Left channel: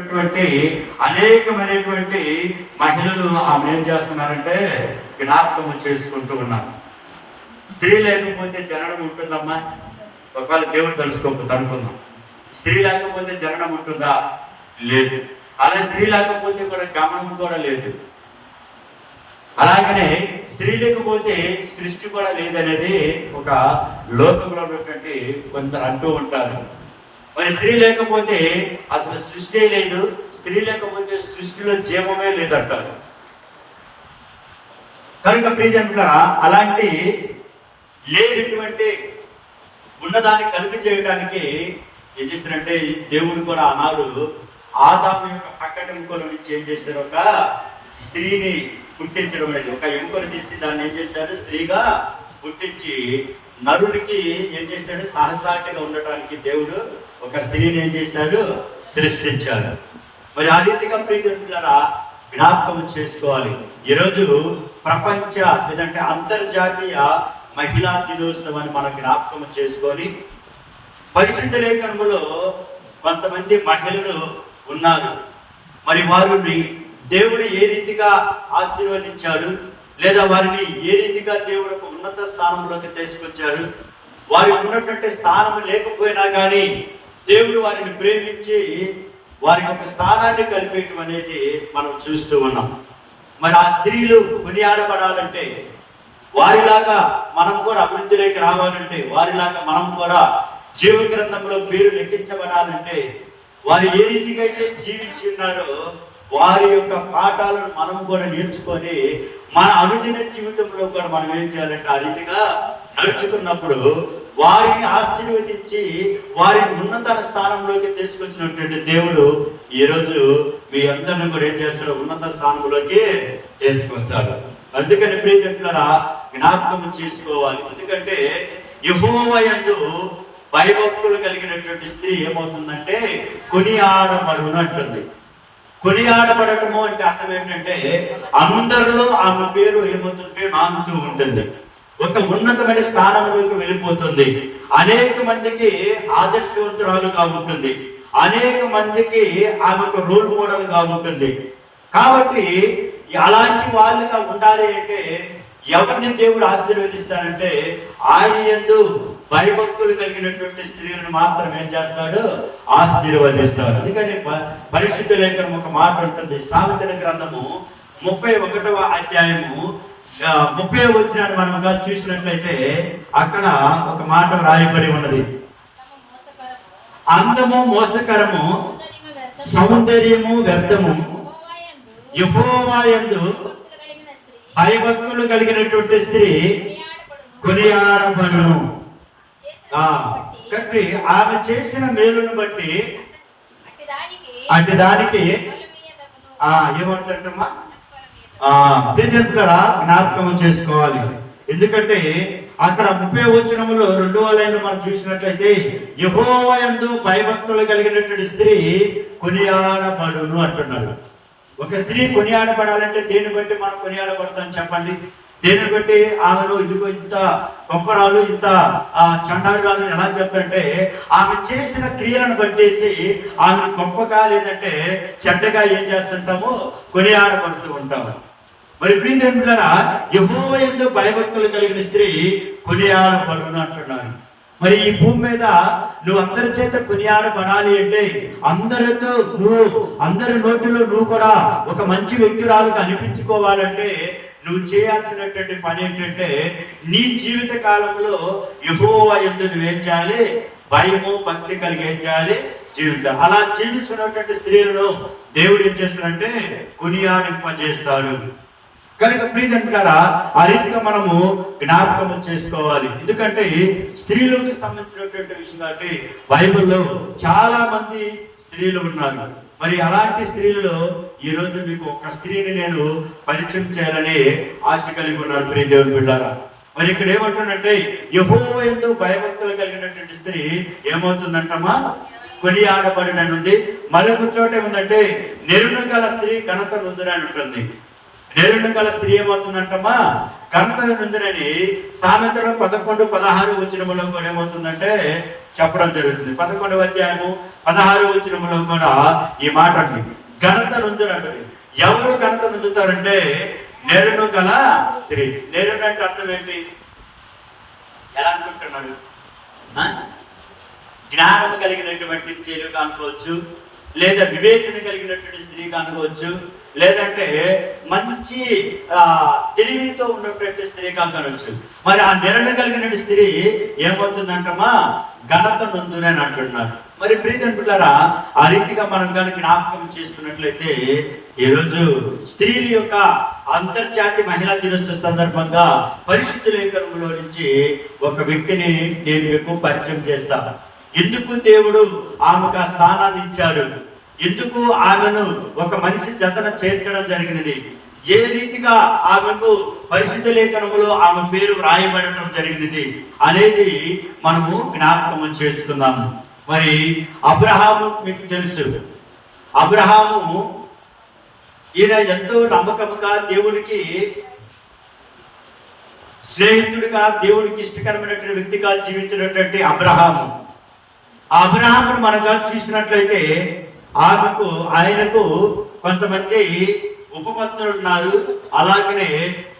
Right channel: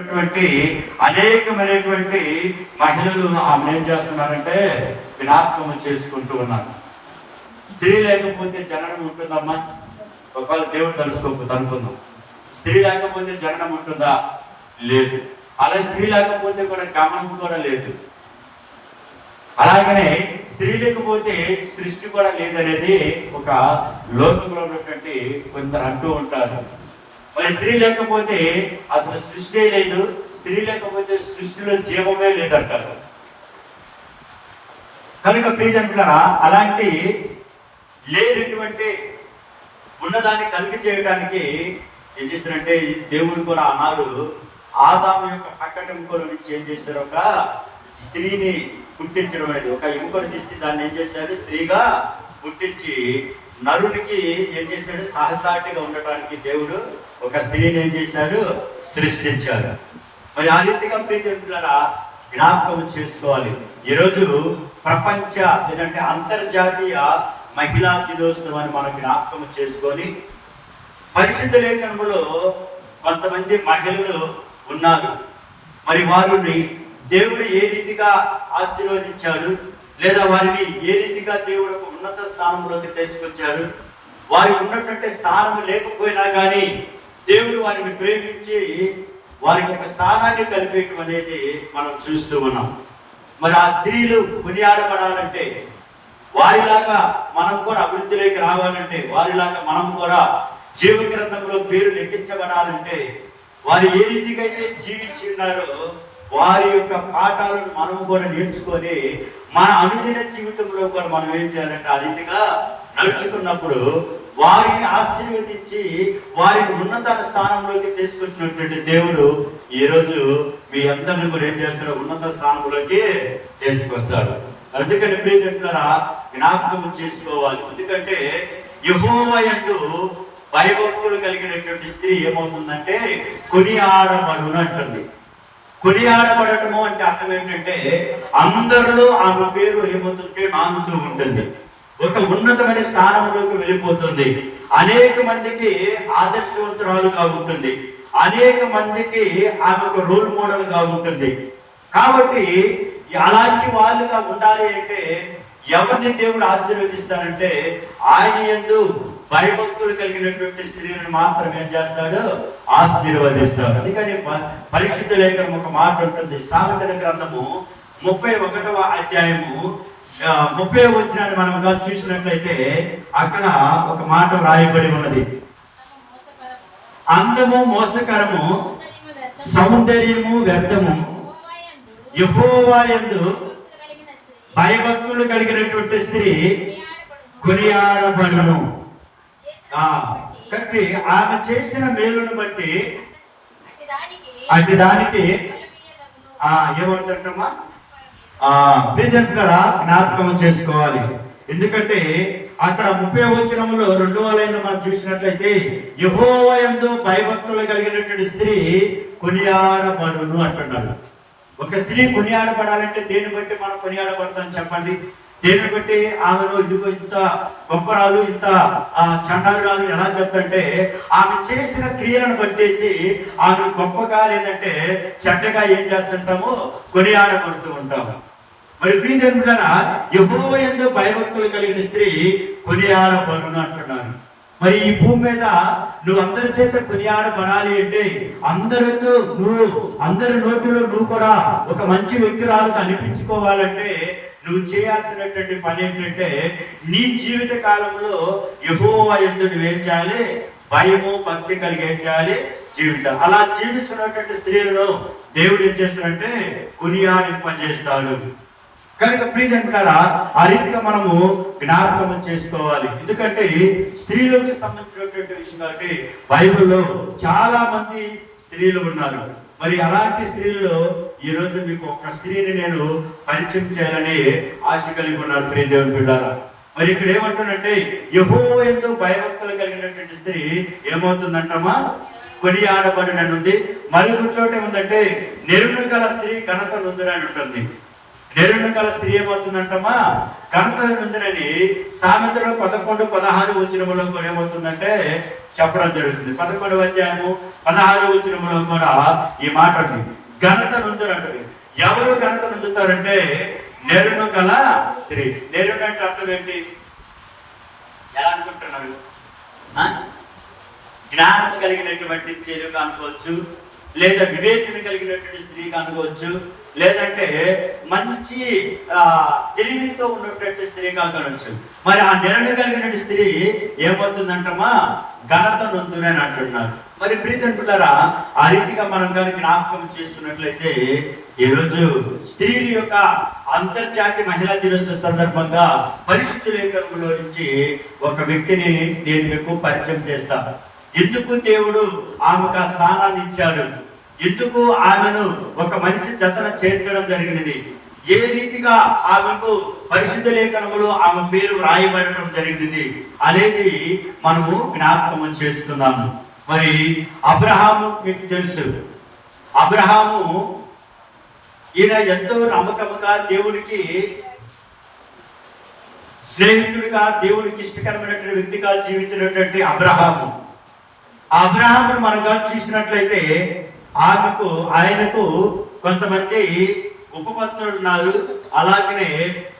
అనేకమైనటువంటి మహిళలు ఆమె ఏం చేస్తున్నారంటే జ్ఞాపకం చేసుకుంటూ ఉన్నారు. స్త్రీ లేకపోతే జననం ఉంటుందమ్మా? ఒకవేళ దేవుడు తలుసుకోకపోతే అనుకుందాం, స్త్రీ లేకపోతే జననం ఉంటుందా? లేదు. అలా స్త్రీ లేకపోతే కూడా గమనం కూడా లేదు. అలాగనే స్త్రీ లేకపోతే సృష్టి కూడా లేదనేది ఒక లోకంలో ఉన్నటువంటి కొందరు అంటూ ఉంటారు. మరి స్త్రీ లేకపోతే అసలు సృష్టి లేదు, స్త్రీ లేకపోతే సృష్టిలో జీవమే లేదంటారు. కనుక ప్రియజనులారా, అలాంటి లేనటువంటి ఉన్నదాన్ని కలిగి చేయడానికి ఏం చేశారంటే దేవుడు కూడా ఆనాడు ఆదాము యొక్క పక్కటి ఎముకల నుంచి ఏం చేశారు, ఒక స్త్రీని పుట్టించడం అనేది. ఒక ఎముకను తీసి దాన్ని ఏం చేశారు, స్త్రీగా పుట్టించి నరుడికి ఏం చేశాడు, సహసాటిగా ఉండటానికి దేవుడు ఒక స్త్రీని ఏం చేశారు, సృష్టించారు. మరి ఆ రీతిగా ప్రియజనులారా జ్ఞాపకం చేసుకోవాలి. ఈరోజు ప్రపంచ లేదంటే అంతర్జాతీయ మహిళా దినోత్సవాన్ని మనం జ్ఞాపకం చేసుకొని, పరిశుద్ధ లేఖనములో కొంతమంది మహిళలు ఉన్నారు. మరి వారిని దేవుడు ఏ రీతిగా ఆశీర్వదించాడు, లేదా వారిని ఏ రీతిగా దేవుడు ఒక ఉన్నత స్థానంలోకి తీసుకొచ్చాడు, వారికి ఉన్నటువంటి స్థానం లేకపోయినా కానీ దేవుడు వారిని ప్రేమించి వారికి ఒక స్థానాన్ని కల్పించడం అనేది మనం చూస్తూ ఉన్నాం. మరి ఆ స్త్రీలు కొనియాడబడాలంటే, వారిలాగా మనం కూడా అభివృద్ధిలోకి రావాలంటే, వారిలాగా మనం కూడా జీవ గ్రంథంలో పేరు లెక్కించబడాలంటే, వారు ఏ రీతిగా అయితే జీవించి ఉన్నారో వారి యొక్క పాఠాలను మనం కూడా నేర్చుకొని మన అనుదిన జీవితంలో కూడా మనం ఏం చేయాలంటే ఆ రీతిగా నడుచుకున్నప్పుడు వారిని ఆశీర్వదించి వారిని ఉన్నత స్థానంలోకి తీసుకొచ్చినటువంటి దేవుడు ఈరోజు మీ అందరిని కూడా ఏం చేస్తాడు, ఉన్నత స్థానంలోకి తీసుకొస్తాడు. అందుకని ప్రియజనులారా జ్ఞాపకం చేసుకోవాలి. ఎందుకంటే యెహోవా యందు భయభక్తులు కలిగినటువంటి స్త్రీ ఏమవుతుందంటే కొనియాడబడును అంటుంది. కొనియాడబడటము అంటే అర్థం ఏంటంటే అందరిలో ఆమె పేరు ఏమవుతుంటే నానుతూ ఉంటుంది, ఒక ఉన్నతమైన స్థానంలోకి వెళ్ళిపోతుంది, అనేక మందికి ఆదర్శవంతురాలుగా ఉంటుంది, అనేక మందికి ఆమెకు రోల్ మోడల్ గా ఉంటుంది. కాబట్టి అలాంటి వాళ్ళుగా ఉండాలి అంటే ఎవరిని దేవుడు ఆశీర్వదిస్తానంటే ఆయన యందు భయభక్తులు కలిగినటువంటి స్త్రీలను మాత్రం ఏం చేస్తాడు, ఆశీర్వదిస్తాడు. అందుకని పరిశుద్ధ లేఖనం ఒక మాట ఉంటుంది. సామెతల గ్రంథము 31వ అధ్యాయము 30వ వచనాన్ని మనం చూసినట్లయితే అక్కడ ఒక మాట రాయబడి ఉన్నది. అందము మోసకరము, సౌందర్యము వ్యర్థము, యెహోవా యందు భయభక్తులు కలిగినటువంటి స్త్రీ కొనియాడబడును. కాబట్టి ఆమె చేసిన మేలును బట్టి అటు దానికి ఏమంటుందమ్మా, ప్రియజనులారా జ్ఞాపకం చేసుకోవాలి. ఎందుకంటే అక్కడ 30వ వచనంలో 2వ లైన్ మనం చూసినట్లయితే యెహోవా యందు భయభక్తులు కలిగినటువంటి స్త్రీ కొనియాడబడును అంటున్నాడు. ఒక స్త్రీ కొనియాడబడాలంటే దేన్ని బట్టి మనం కొనియాడబడతాం చెప్పండి? దేన్ని బట్టి ఆమెను ఇదిగో ఇంత గొప్పరాలు, ఇంత చండారాలు ఎలా చెప్తుంటే ఆమె చేసిన క్రియలను బట్టేసి ఆమె గొప్పగా లేదంటే చెడ్డగా ఏం చేస్తుంటామో కొనియాడబడుతూ ఉంటాము. మరి ప్రియజనులారా యెహోవా యందు భయభక్తులు కలిగిన స్త్రీ కొనియాడబడును అంటున్నారు. మరి ఈ భూమి మీద నువ్వు అందరి చేత కొనియాడబడాలి అంటే, అందరితో నువ్వు అందరి నోటిలో నువ్వు కూడా ఒక మంచి వ్యక్తురాలుగా అనిపించుకోవాలంటే నువ్వు చేయాల్సినటువంటి పని ఏంటంటే నీ జీవిత కాలంలో యెహోవా యందు నువ్వేం చేయాలి, భయము భక్తి కలిగి ఏం చేయాలి, జీవించాలి. అలా జీవిస్తున్నటువంటి స్త్రీలను దేవుడు ఏం చేస్తాడంటే కొనియాడింపజేస్తాడు. కనుక ప్రియజనులారా ఆ రీతిగా మనము జ్ఞాపకం చేసుకోవాలి. ఎందుకంటే స్త్రీలకు సంబంధించినటువంటి విషయం కాబట్టి బైబిల్లో చాలా మంది స్త్రీలు ఉన్నారు. మరి అలాంటి స్త్రీల్లో ఈ రోజు మీకు ఒక స్త్రీని నేను పరిచయం చేయాలని ఆశ కలిగి ఉన్నారు ప్రియదేవుని బిడ్డలారా. మరి ఇక్కడ ఏమంటున్నంటే యెహోవా యందు భయభక్తులు కలిగినటువంటి స్త్రీ ఏమవుతుందంటమ్మా, కొనియాడబడుననుంది. మరొక చోట ఉందంటే నెరును గల స్త్రీ ఘనత నొందునని ఉంటుంది. నెరును గల స్త్రీ ఏమవుతుందంటమ్మా, ఘనత నొందునని సామెతలు 11:16 వచనములో కూడా ఏమవుతుందంటే చెప్పడం జరుగుతుంది. 11వ అధ్యాయము 16 వచనములో కూడా ఈ మాట అండి, ఘనత నొందునంటది. ఎవరు ఘనత నొందుతారంటే నెరుడు గల స్త్రీ. నెరుడు అంటే అర్థం ఏంటి? ఎలా అనుకుంటున్నాడు? జ్ఞానం కలిగినటువంటి స్త్రీగా అనుకోవచ్చు, లేదా వివేచన కలిగినటువంటి స్త్రీగా అనుకోవచ్చు, లేదంటే మంచి తెలివితో ఉన్నటువంటి స్త్రీగా అనుకోవచ్చు. మరి ఆ నిర్ణయం కలిగిన స్త్రీ ఏమవుతుందంటమ్మా? ఘనత నొందునని అంటున్నారు. మరి ప్రియతంటులారా, ఆ రీతిగా మనం కనుక జ్ఞాపకం చేసుకున్నట్లయితే ఈరోజు స్త్రీల యొక్క అంతర్జాతీయ మహిళా దినోత్సవ సందర్భంగా పరిశుద్ధ లేఖనంలో నుంచి ఒక వ్యక్తిని నేను మీకు పరిచయం చేస్తాను. ఎందుకు దేవుడు ఆమెకు ఆ స్థానాన్ని ఇచ్చాడు, ఎందుకు ఆమెను ఒక మనిషి జతన చేర్చడం జరిగినది, ఏ రీతిగా ఆమెకు పరిశుద్ధ లేఖనంలో ఆమె పేరు రాయబడటం జరిగినది అనేది మనము జ్ఞాపకం చేసుకున్నాము. మరి అబ్రహాము మీకు తెలుసు. అబ్రహాము ఈయన ఎంతో నమ్మకముగా దేవునికి స్నేహితుడిగా, దేవునికి ఇష్టకరమైనటువంటి వ్యక్తిగా జీవించినటువంటి అబ్రహాము. ఆ అబ్రహామును మనగా చూసినట్లయితే ఆయనకు కొంతమంది ఉపపత్నులు ఉన్నారు, అలాగనే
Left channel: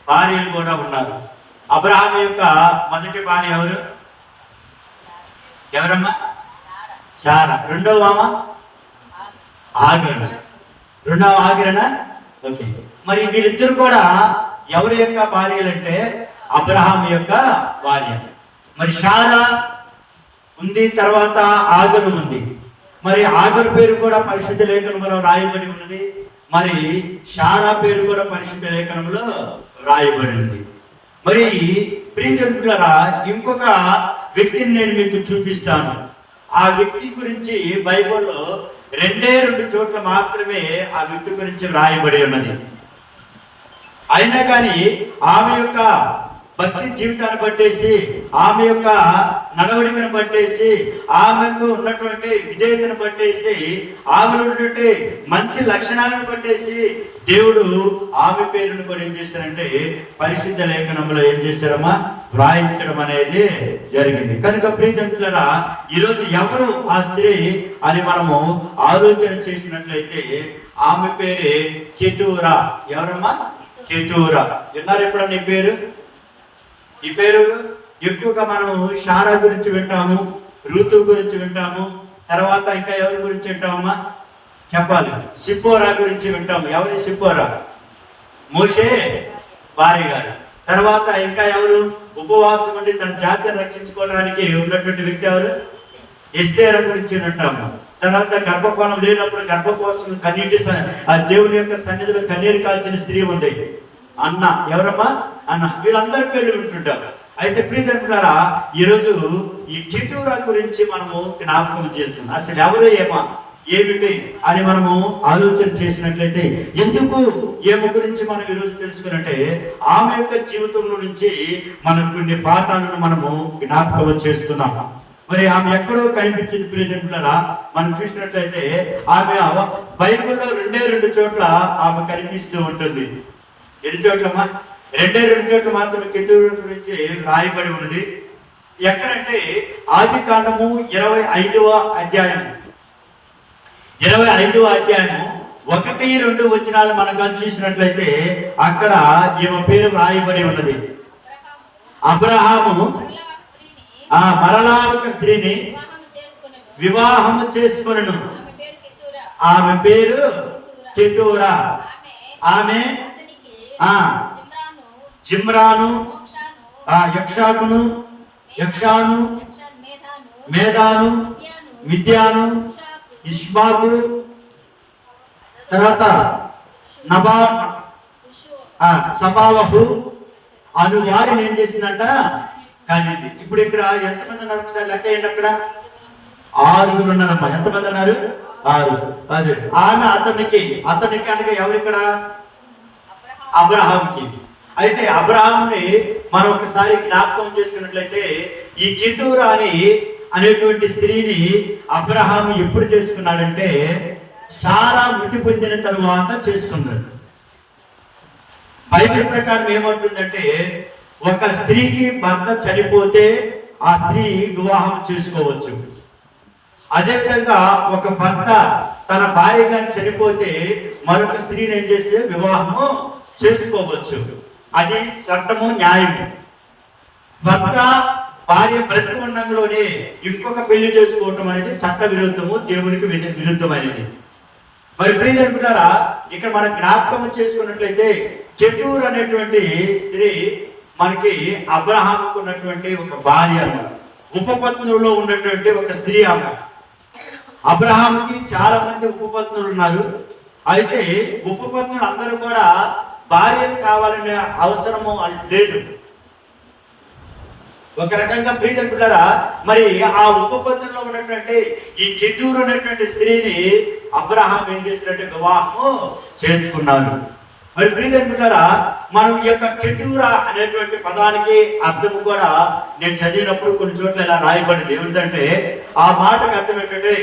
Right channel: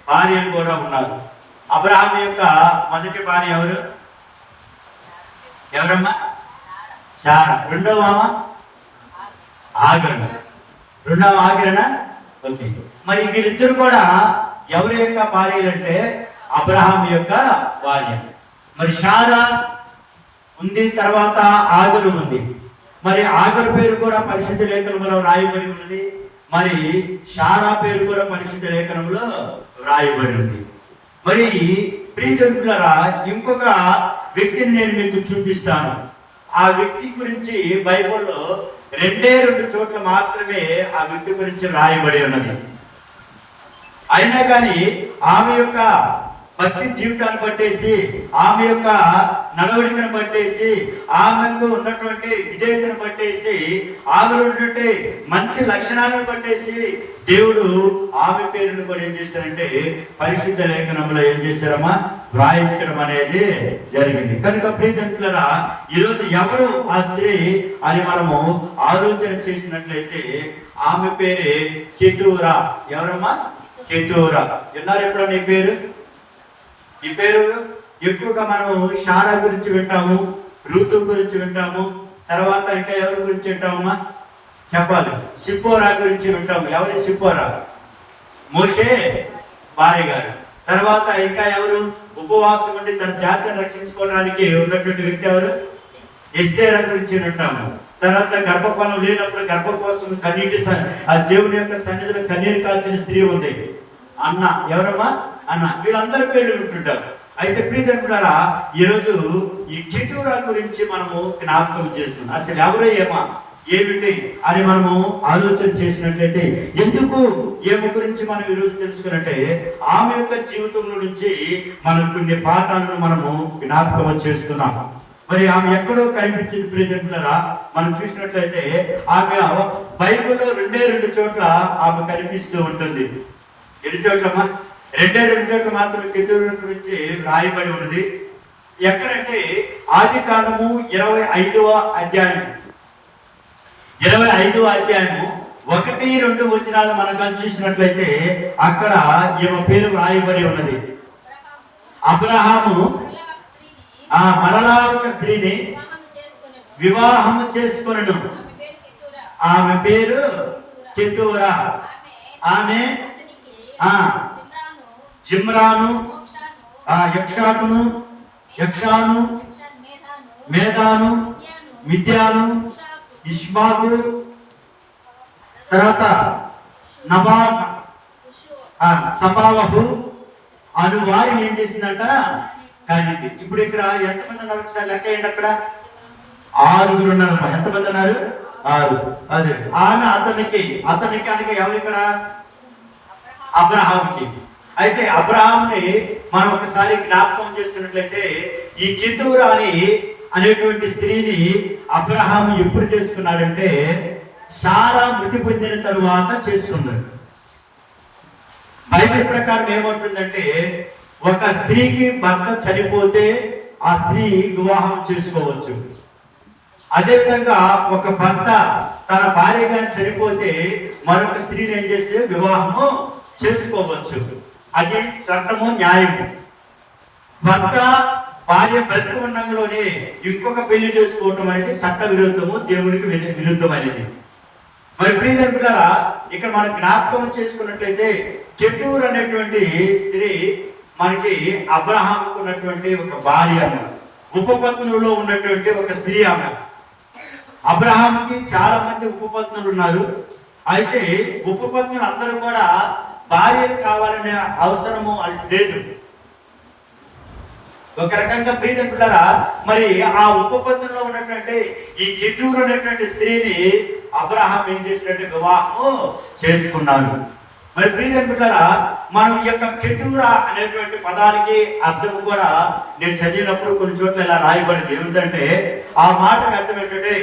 భార్యలు కూడా ఉన్నారు. అబ్రహాం యొక్క మొదటి భార్య ఎవరమ్మా? శారా. రెండవ ఆగరు. రెండవ ఆగరనా? ఓకే. మరి వీరిద్దరు కూడా ఎవరి యొక్క భార్యలు అంటే అబ్రహాం యొక్క భార్య. మరి శారా ఉంది, తర్వాత ఆగరు ఉంది. మరి ఆగరు పేరు కూడా పరిశుద్ధ లేఖనంలో రాయబడి ఉన్నది, మరి శారా పేరు కూడా పరిశుద్ధ లేఖనంలో రాయబడింది. మరి ప్రియమిత్రులారా, ఇంకొక వ్యక్తిని నేను మీకు చూపిస్తాను. ఆ వ్యక్తి గురించి బైబిల్లో 2 చోట్ల మాత్రమే ఆ వ్యక్తి గురించి రాయబడి ఉన్నది. అయినా కానీ ఆమె యొక్క భక్తి జీవితాన్ని బట్టేసి, ఆమె యొక్క నడవడికను బట్టేసి, ఆమెకు ఉన్నటువంటి విధేయతను బట్టేసి, ఆమెలో ఉన్నటువంటి మంచి లక్షణాలను బట్టేసి దేవుడు ఆమె పేరును కూడా ఏం చేశారంటే పరిశుద్ధ లేఖనంలో ఏం చేశారమ్మా? వ్రాయించడం అనేది జరిగింది. కనుక ప్రియమిత్రులారా, ఈరోజు ఎవరు ఆ స్త్రీ అని మనము ఆలోచన చేసినట్లయితే ఆమె పేరే కెతూరా. ఎవరమ్మా? కెతూరా. విన్నారు ఎప్పుడన్నా ఈ పేరు? ఈ పేరు ఎక్కువగా మనము శారా గురించి వింటాము, రూతు గురించి వింటాము, తర్వాత ఇంకా ఎవరి గురించి వింటామమ్మా? చెప్పాలి. సిప్పోరా గురించి వింటాము. ఎవరి సిప్పోరా? మోషే భార్య గారు. తర్వాత ఇంకా ఎవరు? ఉపవాసం ఉండి తన జాతిని రక్షించుకోవడానికి ఉన్నటువంటి వ్యక్తి ఎవరు? ఎస్తేరా గురించి వింటాము. తర్వాత గర్భఫలం లేనప్పుడు గర్భకోసం కన్నీటి ఆ దేవుడి యొక్క సన్నిధిలో కన్నీరు కాల్చిన స్త్రీ ఉంది, అన్న. ఎవరమ్మా? అన్న. వీళ్ళందరి పేర్లు ఉంటుంటారు. అయితే ప్రియమిత్రులారా, ఈరోజు ఈ కెతూరా గురించి మనము జ్ఞాపకం చేస్తున్నాం. అసలు ఎవరు, ఏమిటి అని మనము ఆలోచన చేసినట్లయితే, ఎందుకు ఏమి గురించి మనం ఈరోజు తెలుసుకున్నట్టే ఆమె యొక్క జీవితంలో నుంచి మనం కొన్ని పాఠాలను మనము జ్ఞాపకం చేసుకున్నాం. మరి ఆమె ఎక్కడో కనిపించింది ప్రియమిత్రులారా. మనం చూసినట్లయితే ఆమె బైబిల్లో 2 చోట్ల ఆమె కనిపిస్తూ ఉంటుంది. ఎన్ని చోట్లమ్మా? 2 చోట్ల మాత్రం కెతూరా గురించి రాయబడి ఉన్నది. ఎక్కడంటే ఆదికాండము 25వ అధ్యాయం 1-2 వచనాలు మనం చూసినట్లయితే అక్కడ ఈమె పేరు రాయబడి ఉన్నది. అబ్రహాము మరలా ఒక స్త్రీని వివాహము చేసుకొనెను. ఆమె పేరు కెతూరా. ఆమె జిమ్రాను, యక్షాను, మేదాను, మిద్యాను, ఇష్మాకు, తర్వాత సబావహు అను వారిని ఏం చేసిందంట? కానీ ఇప్పుడు ఇక్కడ ఎంతమంది ఉన్నారు? ఒకసారి లెక్క ఏంటి? అక్కడ 6 ఉన్నారమ్మా. ఎంతమంది ఉన్నారు? 6. అదే ఆమె అతనికి అనగా ఎవరు ఇక్కడ? అబ్రహాంకి. అయితే అబ్రహాంని మనం ఒకసారి జ్ఞాపకం చేసుకున్నట్లయితే ఈ కెతూరా అనేటువంటి స్త్రీని అబ్రహాం ఎప్పుడు చేసుకున్నాడంటే శారా మృతి పొందిన తరువాత చేసుకున్నాడు. బైబిల్ ప్రకారం ఏమంటుందంటే, ఒక స్త్రీకి భర్త చనిపోతే ఆ స్త్రీ వివాహం చేసుకోవచ్చు. అదేవిధంగా ఒక భర్త తన భార్య గాని చనిపోతే మరొక స్త్రీని ఏం చేస్తే వివాహము చేసుకోవచ్చు. అది చట్టము, న్యాయము. భర్త భార్య బ్రతికి ఉన్నందులోనే ఇంకొక పెళ్లి చేసుకోవటం అనేది చట్ట విరుద్ధము, దేవునికి విరుద్ధమైనది. మరి ప్రియమైన పిల్లరా, ఇక్కడ మనం జ్ఞాపకం చేసుకున్నట్లయితే కెతూర్ అనేటువంటి స్త్రీ మనకి అబ్రహాముకు ఉన్నటువంటి ఒక భార్య అన్నమాట. ఉపపత్నుల్లో ఉన్నటువంటి ఒక స్త్రీ ఆమె. అబ్రహాముకి చాలా మంది ఉపపత్నులు ఉన్నారు. అయితే ఉపపత్నులు అందరూ కూడా భార్యలు కావాలనే అవసరము లేదు. ఒక రకంగా ప్రియమైన పిల్లరా, మరి ఆ ఉపపత్నులో ఉన్నటువంటి ఈ కెతూర్ అనేటువంటి స్త్రీని అబ్రహాం ఏం చేసినట్టు వివాహం చేసుకున్నాడు. మరి ప్రియమైన పిల్లరా, మనం ఈ యొక్క కెతూరా అనేటువంటి పదానికి అర్థం కూడా నేను చదివినప్పుడు కొన్ని చోట్ల ఇలా రాయబడింది. ఏమిటంటే ఆ మాటకు అర్థం ఏంటంటే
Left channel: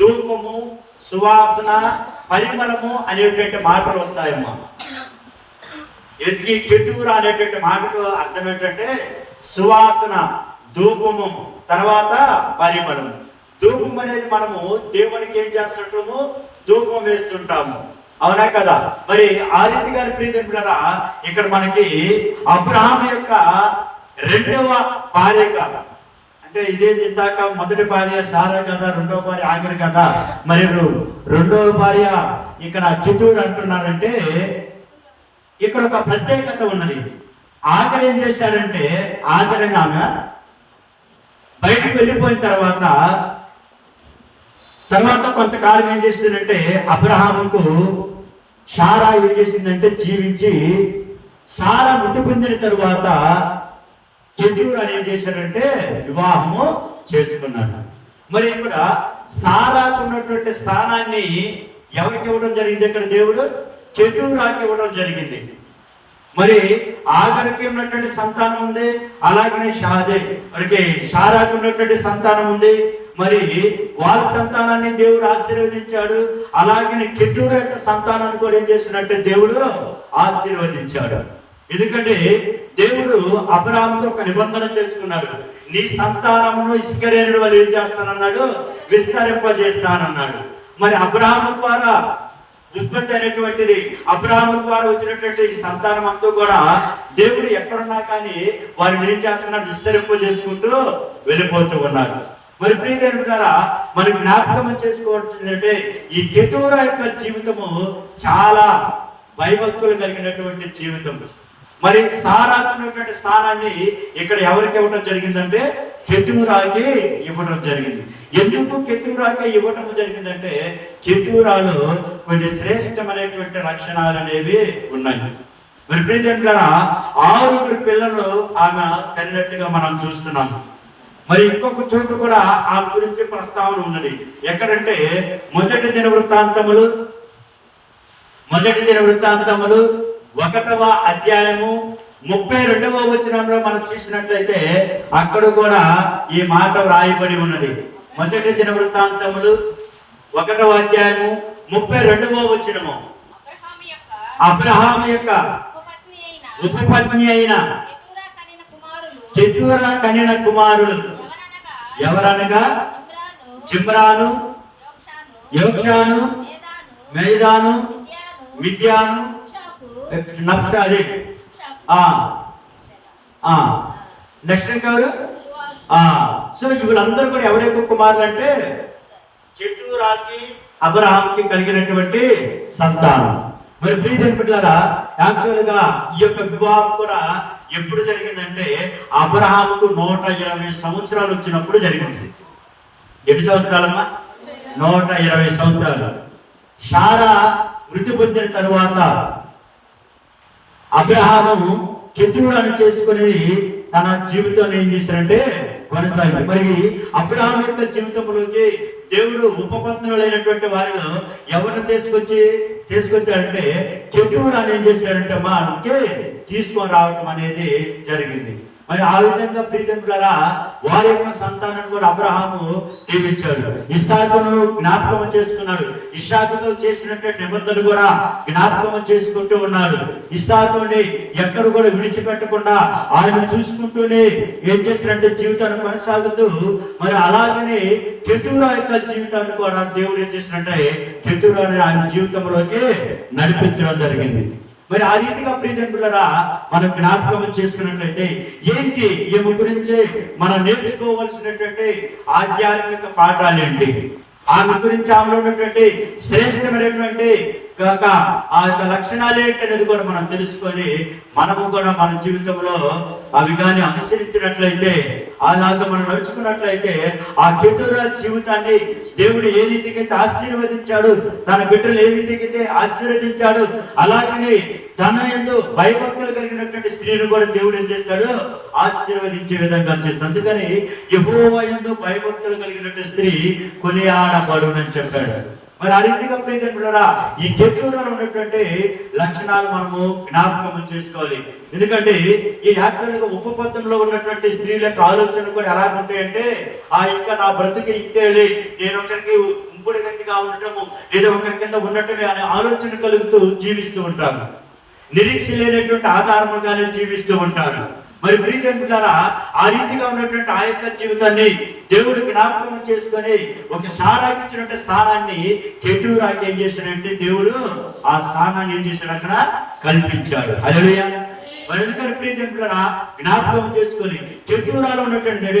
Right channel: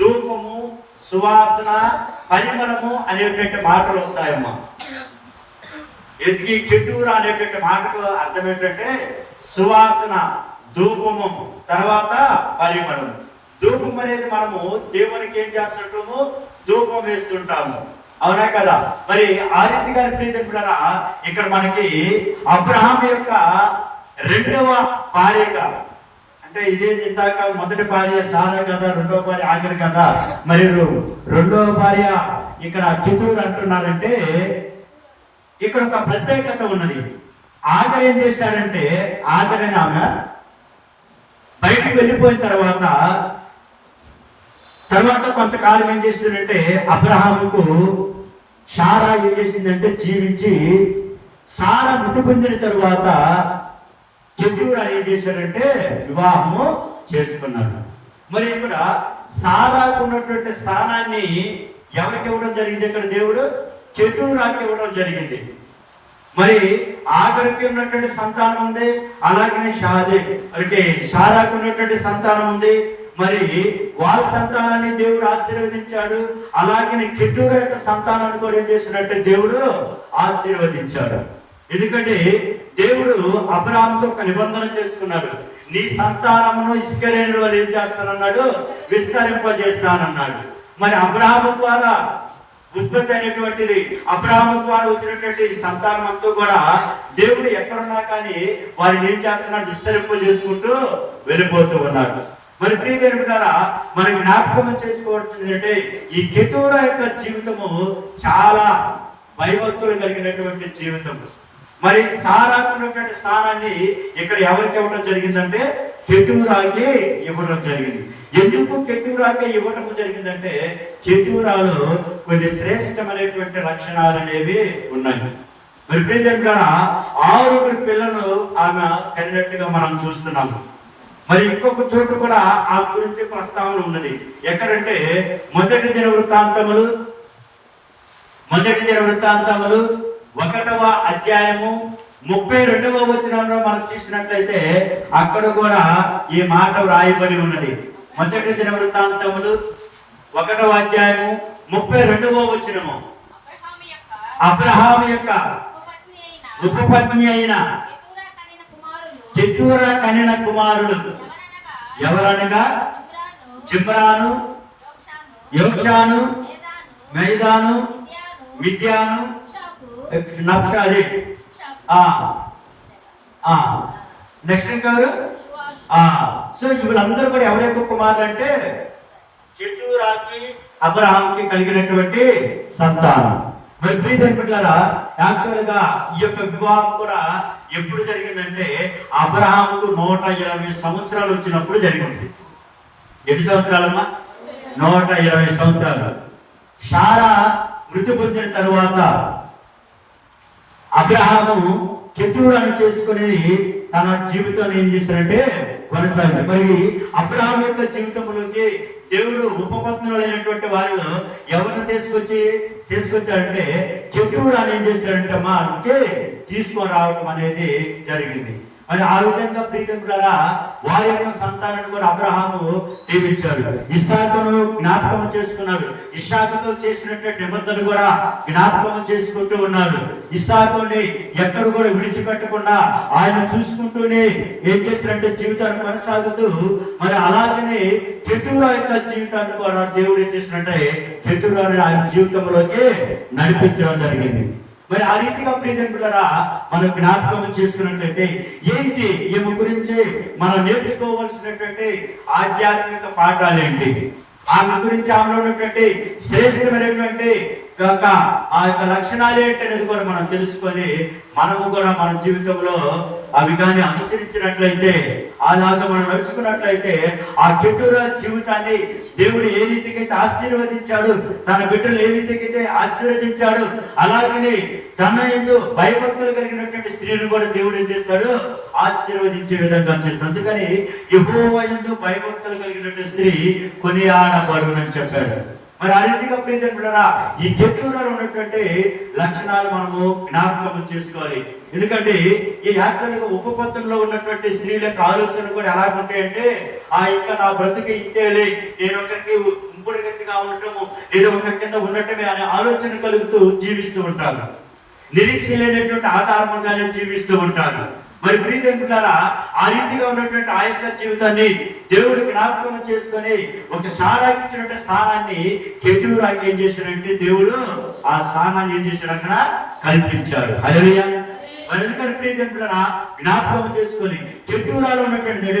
ధూపము, సువాసన, పరిమళము అనేటువంటి మాటలు వస్తాయమ్మా. ఎదిగి కెతూరా అనేటువంటి మాటకు అర్థం ఏంటంటే సువాసన, ధూపము, తర్వాత పరిమళము. ధూపం అనేది మనము దేవునికి ఏం చేస్తుంటాము? ధూపం వేస్తుంటాము, అవునా కదా? మరి ఆ రీతిగా ప్రియరా, ఇక్కడ మనకి అబ్రహాం యొక్క రెండవ భార్యగా, అంటే ఇదే ఇందాక మొదటి భార్య సారా కదా, రెండవ భార్య ఆఖరి కదా, మరి రెండవ భార్య ఇక్కడ కెతూర్ అంటున్నారంటే ఇక్కడ ఒక ప్రత్యేకత ఉన్నది. ఆఖరి ఏం చేశారంటే ఆఖరిగా ఆమె బయటకు వెళ్ళిపోయిన తర్వాత కొంతకాలం ఏం చేసిందంటే అబ్రహాముకు సారా ఏం చేసిందంటే జీవించి, సారా మృతి పొందిన తరువాత కెతూర్ ఏం చేశాడంటే వివాహము చేసుకున్నాడు. మరి ఇక్కడ సారాకు ఉన్నటువంటి స్థానాన్ని ఎవరికి ఇవ్వడం జరిగింది? ఇక్కడ దేవుడు కెతూరాకి ఇవ్వడం జరిగింది. మరి ఆఖరికి ఉన్నటువంటి సంతానం ఉంది, అలాగనే మరి సారాకు ఉన్నటువంటి సంతానం ఉంది. మరి వాళ్ళ సంతానాన్ని దేవుడు ఆశీర్వదించాడు. అలాగే కెతూర్ యొక్క సంతానాన్ని కూడా ఏం చేసినట్టే దేవుడు ఆశీర్వదించాడు. ఎందుకంటే దేవుడు అబ్రహాముతో ఒక నిబంధన చేసుకున్నాడు. నీ సంతానమును ఇస్కరేలు వాళ్ళు ఏం చేస్తానన్నాడు? విస్తరింపజేస్తానన్నాడు. మరి అబ్రహాము ద్వారా ఉత్పత్తి అయినటువంటిది, అబ్రహాము ద్వారా వచ్చినటువంటి సంతానం అంతా కూడా దేవుడు ఎక్కడున్నా కానీ వారిని ఏం చేస్తున్నాడు? విస్తరింపజేసుకుంటూ వెళ్ళిపోతూ ఉన్నారు. మరి ప్రియదేవులారా, మనం జ్ఞాపకం చేసుకోవాల్సిందంటే ఈ కెతూరా యొక్క జీవితము చాలా భయభక్తులు కలిగినటువంటి జీవితం. మరి సారాకు ఉన్నటువంటి స్థానాన్ని ఇక్కడ ఎవరికి ఇవ్వడం జరిగిందంటే కెతూరాకి ఇవ్వడం జరిగింది. ఎందుకు కెతూరాకి ఇవ్వడం జరిగిందంటే కెతూరాలో కొన్ని శ్రేష్టమైనటువంటి లక్షణాలు అనేవి ఉన్నాయి. మరి ప్రియదేవులారా, 6 పిల్లలు ఆమె కన్నట్టుగా మనం చూస్తున్నాము. మరి ఇంకొక చోటు కూడా ఆ గురించి ప్రస్తావన ఉన్నది. ఎక్కడంటే మొదటి దిన వృత్తాంతములు 1వ అధ్యాయము 32వ వచనంలో మనం చూసినట్లయితే అక్కడ కూడా ఈ మాట వ్రాయబడి ఉన్నది. మొదటి దిన వృత్తాంతములు 1వ అధ్యాయము 32వ వచనము, అబ్రహాం యొక్క ఉపపత్ని అయిన కెతూరా కనిన కుమారులు ఎవరనగా జిమ్రాను, యోక్షాను, మేదాను, మిద్యాను, నఫ్షాలి. నెక్స్ట్ ఎవరు? సో వీళ్ళందరూ కూడా ఎవరి యొక్క కుమారులు అంటే కెతూరాకి అబ్రహాంకి కలిగినటువంటి సంతానం. మరి ప్రియదేవులారా, యాక్చువల్ గా ఈ యొక్క వివాహం కూడా ఎప్పుడు జరిగిందంటే అబ్రహాముకు 120 సంవత్సరాలు వచ్చినప్పుడు జరిగింది. ఎన్ని సంవత్సరాలమ్మా? 120 సంవత్సరాలు. సారా మృతి పొందిన తరువాత అబ్రహాము కెతూరాను చేసుకుని తన జీవితాన్ని ఏం చేశారంటే కొనసాగింది. మరి అబ్రహాం యొక్క జీవితంలోకి దేవుడు ఉపపత్నులైనటువంటి వారిలో ఎవరిని తీసుకొచ్చాడంటే కెతూరాను ఏం చేశాడంటే మా అంటే తీసుకొని రావడం అనేది జరిగింది. మరి ఆ విధంగా ప్రియమిత్రులారా వారి యొక్క సంతానం కూడా అబ్రహాము దీవించాడు. ఇస్సాకును జ్ఞాపకం చేసుకున్నాడు. ఇస్సాకుతో చేసినటువంటి నిబంధనలు కూడా జ్ఞాపకం చేసుకుంటూ ఉన్నాడు. ఇస్సాకుని ఎక్కడ కూడా విడిచిపెట్టకుండా ఆయన చూసుకుంటూనే ఏం చేసినట్టు జీవితాన్ని కొనసాగుతూ, మరి అలాగనే కెతూరా యొక్క జీవితాన్ని కూడా దేవుడు ఏం చేసినట్టే కెతూరాని ఆయన జీవితంలోకి నడిపించడం జరిగింది. మరి ఆ రీతిగా ప్రియమిత్రులారా మనం జ్ఞాపకం చేసుకున్నట్లయితే ఏంటి ఈమె గురించి మనం నేర్చుకోవాల్సినటువంటి ఆధ్యాత్మిక పాఠాలు ఏంటి, ఆమె గురించి ఆమెలో ఉన్నటువంటి శ్రేష్టమైనటువంటి ఆ యొక్క లక్షణాలు ఏంటి అనేది కూడా మనం తెలుసుకొని మనము కూడా మన జీవితంలో అవి కానీ అనుసరించినట్లయితే, అలాగా మనం నడుచుకున్నట్లయితే ఆ కెతూరా జీవితాన్ని దేవుడు ఏ రీతికైతే ఆశీర్వదించాడు, తన బిడ్డలు ఏ రీతికైతే ఆశీర్వదించాడు, అలాగనే తన యందు భయభక్తులు కలిగినటువంటి స్త్రీని కూడా దేవుడు ఏం చేస్తాడు, ఆశీర్వదించే విధంగా చేస్తాడు. అందుకని యెహోవా యందు భయభక్తులు కలిగినటువంటి స్త్రీ కొనియాడబడునని చెప్పాడు. మరి ఆ రీతిగా ప్రియమిత్రులారా ఈ కెతూరాలో ఉన్నటువంటి లక్షణాలు మనము జ్ఞాపకం చేసుకోవాలి. ఎందుకంటే ఈ యాక్చువల్గా ఉపపత్తంలో ఉన్నటువంటి స్త్రీల యొక్క ఆలోచన కూడా ఎలా ఉంటాయంటే, ఇంకా నా బ్రతుకు ఇంతేలే, నేను ఒకరికి ఇంపుడు గట్టిగా ఉండటము లేదా ఒకరి కింద ఉండటమే అనే ఆలోచన కలుగుతూ జీవిస్తూ ఉంటాను. నిరీక్ష లేనటువంటి ఆధారముగానే జీవిస్తూ ఉంటారు. మరి ప్రియమిత్రులారా ఆ రీతిగా ఉన్నటువంటి ఆ యొక్క జీవితాన్ని దేవుడు జ్ఞాపకం చేసుకొని ఒక సారాకి ఇచ్చినట్టు స్థానాన్ని కెతూరాకి ఏం చేశాడంటే దేవుడు ఆ స్థానాన్ని ఏం చేశాడు, అక్కడ కల్పించాడు. హల్లెలూయా. మరి ఎందుకంటే ప్రియమిత్రులారా జ్ఞాపకం చేసుకొని కెతూరాలో ఉన్నటువంటి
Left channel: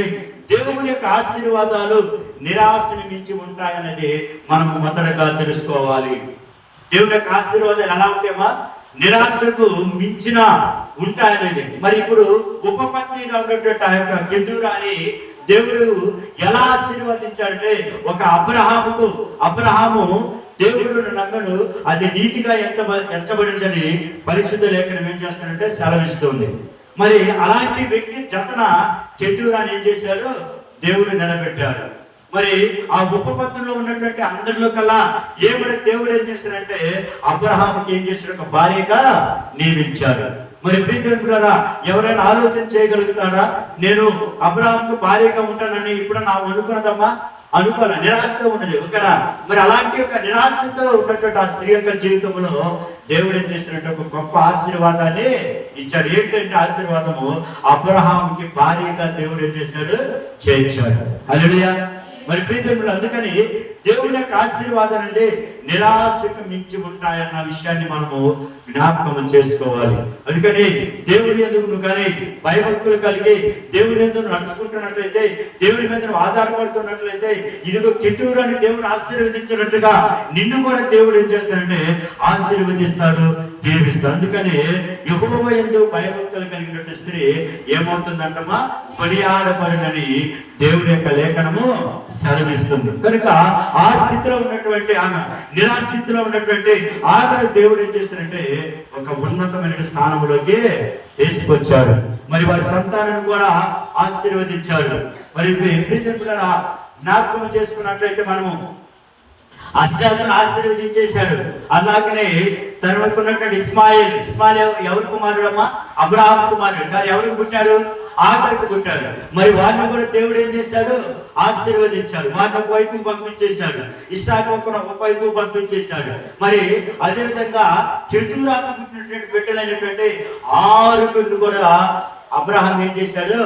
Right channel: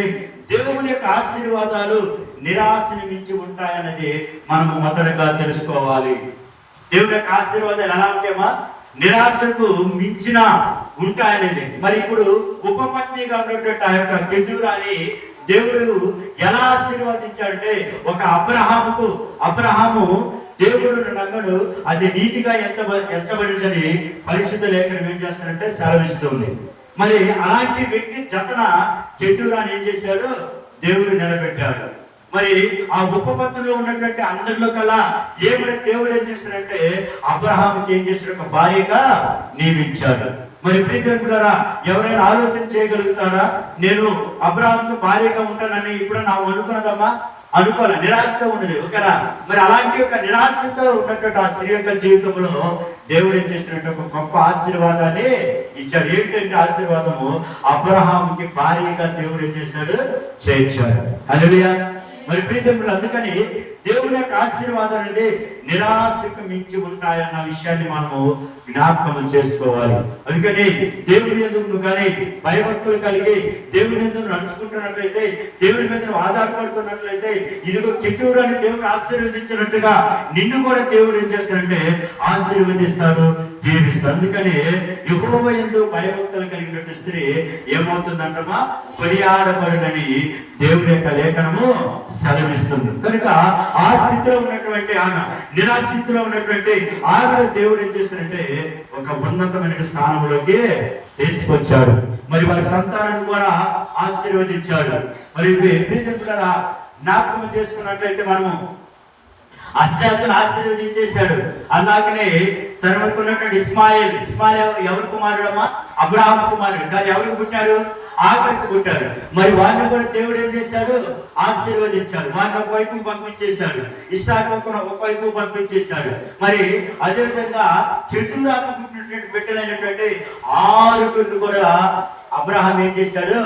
దేవుని యొక్క ఆశీర్వాదాలు నిరాశని మించి ఉంటాయనేది మనం మొదటగా తెలుసుకోవాలి. దేవుని యొక్క ఆశీర్వాదాలు ఎలా ఉంటాయమ్మా, నిరాశకు మించిన ఉంటాయనేది. మరి ఇప్పుడు ఉపపత్నిగా ఉన్నటువంటి ఆ యొక్క కెతూరాని దేవుడు ఎలా ఆశీర్వదించాడంటే, ఒక అబ్రహాము దేవుడు నమ్మడు అది నీతిగా ఎంచబడిందని పరిశుద్ధ లేఖనం ఏం చేస్తాడంటే సెలవిస్తుంది. మరి అలాంటి వ్యక్తి జతన కెతూరాని ఏం చేశాడు, దేవుడు నిలబెట్టాడు. మరి ఆ ఉపపత్తిలో ఉన్నటువంటి అందరిలో కల్లా ఏమైనా దేవుడు ఏం చేస్తాడంటే అబ్రహాముకి ఏం చేస్తాడు, ఒక భార్యగా నియమించాడు. మరి ప్రియమిత్రులారా ఎవరైనా ఆలోచన చేయగలుగుతాడా, నేను అబ్రహాముకు భార్యగా ఉంటానని ఇప్పుడు నా అనుకున్నదమ్మా, అనుకోవాలి, నిరాశగా ఉండదు ఓకేనా. మరి అలాంటి ఒక నిరాశతో ఉన్నటువంటి ఆ స్త్రీ యొక్క జీవితంలో దేవుడు ఏం చేసినట్టు ఒక గొప్ప ఆశీర్వాదాన్ని ఇచ్చాడు. ఏంటంటే ఆశీర్వాదము అబ్రహాముకి భార్యగా దేవుడు ఏం చేశాడు, చేర్చాడు. హల్లెలూయా. మరి ప్రియమిత్రులు అందుకని దేవుని యొక్క ఆశీర్వాదం అనేది నిరాశకు మించి ఉంటాయన్న విషయాన్ని మనము జ్ఞాపకం చేసుకోవాలి. అందుకని దేవుని ఎదురు కానీ భయభక్తులు కలిగి దేవుని ఎదురు నడుచుకుంటున్నట్లయితే, దేవుని మీద ఆధారపడుతున్నట్లయితే, ఇదిగో కెతూరాని దేవుడు ఆశీర్వదించినట్టుగా నిన్ను కూడా దేవుడు ఏం చేస్తాడంటే ఆశీర్వదిస్తాడు, దీవిస్తాడు. అందుకని యెహోవా యందు భయభక్తులు కలిగినటువంటి స్త్రీ ఏమవుతుందంటమా, కొనియాడబడునని దేవుని యొక్క లేఖనము సెలవిస్తుంది. కనుక ఆ స్థితిలో ఉన్నటువంటి ఆమె, నిరాస్థితిలో ఉన్నటువంటి ఆమె దేవుడు ఏం చేస్తాడంటే ఒక ఉన్నతమైన స్థానంలోకి తీసుకొచ్చాడు. మరి వారి సంతానం కూడా ఆశీర్వదించాడు. మరి ప్రియమిత్రులారా జ్ఞాపకం చేసుకున్నట్లయితే మనము అస్సాకును ఆశీర్వదించేశాడు. అలాగనే తనకు ఉన్నటువంటి ఇస్మాయిల్ ఎవరి కుమారుడమ్మా, అబ్రహాము కుమారుడు. కానీ ఎవరికి పుట్టారు, ఆఖరికి పుట్టారు. మరి వారిని కూడా దేవుడు ఏం చేశాడు, ఆశీర్వదించాడు. వారిని ఒక వైపు పంపించేశాడు, ఇస్సాకు ఒక వైపు పంపించేశాడు. మరి అదేవిధంగా కెతూరాకు పుట్టినటువంటి బిడ్డలైనటువంటి 6 కూడా అబ్రహాం ఏం చేశాడు,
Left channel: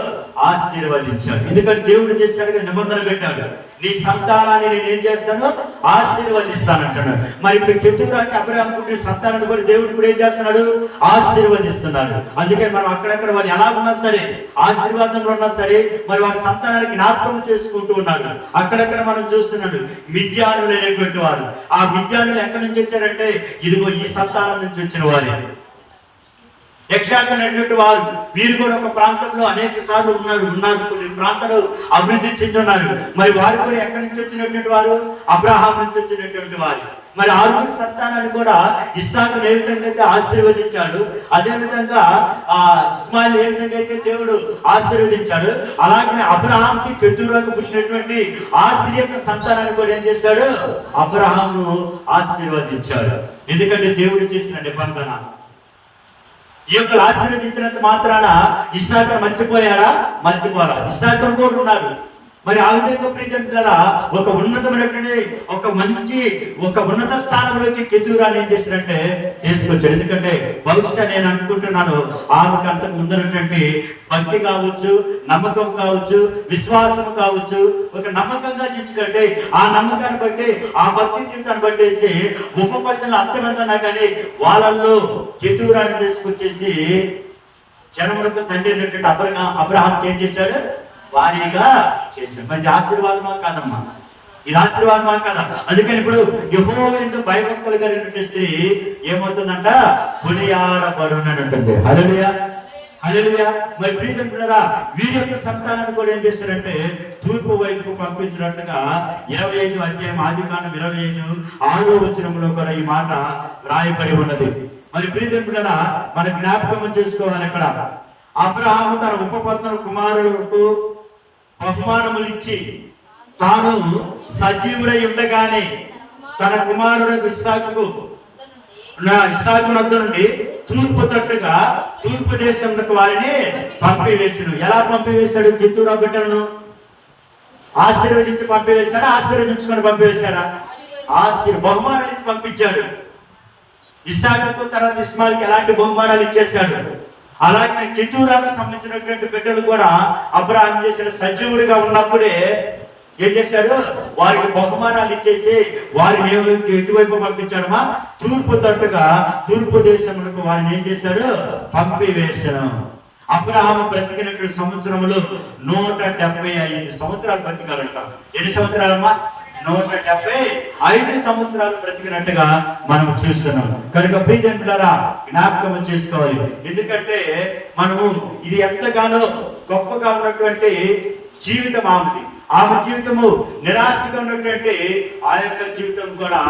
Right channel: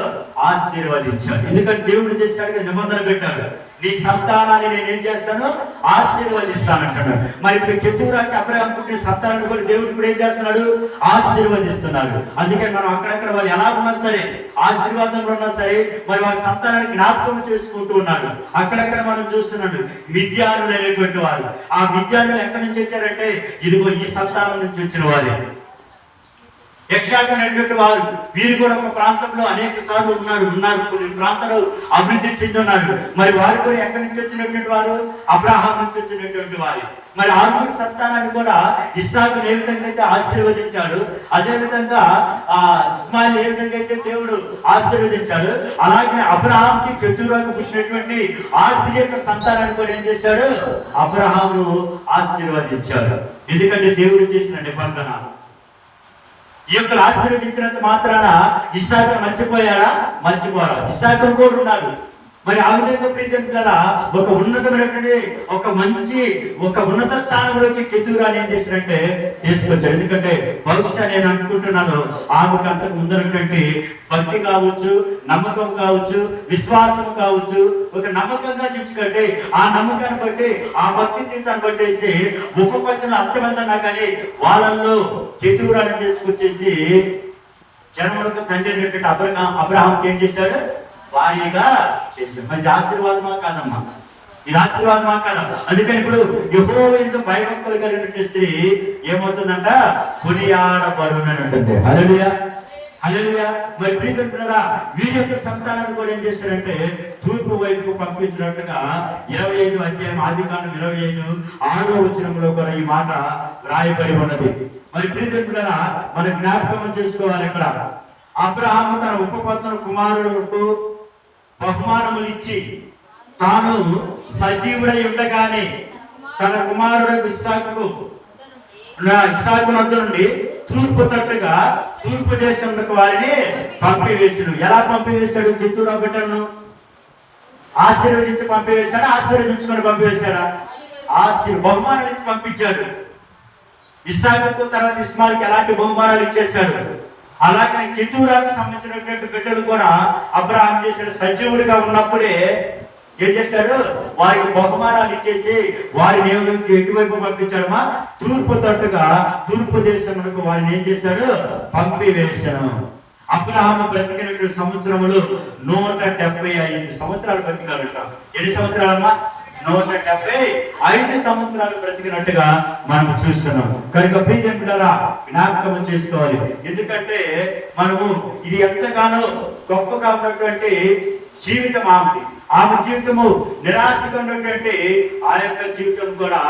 ఆశీర్వదించాడు. ఎందుకంటే దేవుడు చేశాడు, నిబంధన పెట్టాడు, నీ సంతానాన్ని నేను ఏం చేస్తాను, ఆశీర్వదిస్తానంటున్నాడు. మరి ఇప్పుడు కెతూరాకి అబ్రహాం పుట్టిన సంతానాన్ని కూడా దేవుడు ఇప్పుడు ఏం చేస్తున్నాడు, ఆశీర్వదిస్తున్నాడు. అందుకని మనం అక్కడక్కడ వారు ఎలా ఉన్నా సరే, ఆశీర్వాదంలో ఉన్నా సరే, మరి వారి సంతానాన్ని జ్ఞాపకం చేసుకుంటూ ఉన్నాడు. అక్కడక్కడ మనం చూస్తున్నాడు మిద్యానులు అనేటువంటి వారు. ఆ మిద్యానులు ఎక్కడి నుంచి వచ్చారంటే ఇదిగో ఈ సంతానం నుంచి వచ్చిన వారు. యక్షాకునటువంటి వారు వీరు కూడా ఒక ప్రాంతంలో అనేక సార్లు ఉన్నారు. కొన్ని ప్రాంతాలు అభివృద్ధి చెంది ఉన్నారు. మరి వారు కూడా ఎక్కడి నుంచి వచ్చినటువంటి వారు, అబ్రహాం నుంచి వచ్చినటువంటి వారు. మరి 6 సంతానాన్ని కూడా ఇస్సాకును ఏ విధంగా అయితే ఆశీర్వదించాడు, అదే విధంగా ఇస్మాయిల్ ఏ విధంగా అయితే దేవుడు ఆశీర్వదించాడు, అలాగే అబ్రహాంకి కెతూరాకు పుట్టినటువంటి ఆ స్త్రీ యొక్క సంతానాన్ని కూడా ఏం చేశాడు, అబ్రహాము ఆశీర్వదించాడు. ఎందుకంటే దేవుడు చేసిన నిబంధన. ఈ యొక్క ఆశీర్వదించినంత మాత్రాన ఇస్సాకును మర్చిపోయాడా? మర్చిపోరా. ఇస్సాకును కూడా ఉన్నాడు. మరి ఆ విధంగా ప్రియజనులారా ఒక ఉన్నతమైనటువంటి ఒక ఉన్నత స్థానంలోకి కెతూరాన్ని ఏం చేసినట్టే తీసుకొచ్చాడు. ఎందుకంటే బహుశా నేను అనుకుంటున్నాను ఆమెకు అంతకు ముందరటువంటి భక్తి కావచ్చు, నమ్మకం కావచ్చు, విశ్వాసం కావచ్చు, ఒక నమ్మకంగా చూసుకుంటే ఆ నమ్మకాన్ని బట్టి ఆ భక్తి జీవితాన్ని బట్టేసి ఉపపత్తులు అంతమందన్నా కానీ వాళ్ళల్లో కెతూరాన్ని తీసుకొచ్చేసి జనములకు తండ్రి అయినటువంటి అబ్రహాంకి ఏం చేశాడు? భారీగా చేశాడు. మరి ఆశీర్వాదమా కాదమ్మా? ఇది ఆశీర్వాదమా కాదా? అందుకని ఇప్పుడు యెహోవా యందు భయభక్తులు కలిగిన స్త్రీ ఏమవుతుందంట? కొనియాడబడును అని ఉంటుంది. హల్లెలూయా, హల్లెలూయా. మరి ప్రియజనులారా వీరి యొక్క సంతానాన్ని కూడా ఏం చేస్తారంటే తూర్పు వైపు పంపించినట్టుగా 25వ అధ్యాయం ఆదికాండం 25:6వ వచనంలో కూడా ఈ మాట రాయబడి ఉన్నది. మరి ప్రియజనులారా మన జ్ఞాపకం చేసుకోవాలి. ఇక్కడ అబ్రహాము తన ఉపపత్నుల కుమారులకు బహుమానములు ఇచ్చి తాను సజీవుడై ఉండగానే తన కుమారుడు ఇస్సాకు వద్ద నుండి తూర్పు తట్టుగా తూర్పు దేశంలోకి వారిని పంపివేశాడు. ఎలా పంపివేశాడు? కెతూరా బిడ్డను ఆశీర్వదించి పంపివేశాడా? ఆశీర్వదించుకొని పంపివేశాడా? బహుమానాలు ఇచ్చి పంపించాడు. ఇస్సాకు తర్వాత ఇస్మాయిల్కి ఎలాంటి బహుమానాలు ఇచ్చేశాడు. అలాగే కెతూరాకు సంబంధించినటువంటి బిడ్డలు కూడా అబ్రహాం చేశాడు. సజీవుడిగా ఉన్నప్పుడే ఏం చేశాడు? వారికి బహుమానాలు ఇచ్చేసి వారిని ఎటువైపు పంపించాడమా? తూర్పు తట్టుగా తూర్పు దేశంలో వారిని ఏం చేశాడు? పంపివేశాడు. అబ్రహాము బ్రతికినటువంటి సంవత్సరములు 175 సంవత్సరాలు బ్రతికాడట. ఎన్ని సంవత్సరాలమ్మా? 175 సంవత్సరాలు బ్రతికినట్టుగా మనం చూస్తున్నాం. కనుక ప్రియజనులారా జ్ఞాపకం చేసుకోవాలి. ఎందుకంటే మనము ఇది ఎంతగానో గొప్పగా ఉన్నటువంటి జీవితం ఆమె జీవితము నిరాశగా ఉన్నటువంటి ఆ యొక్క జీవితం కూడా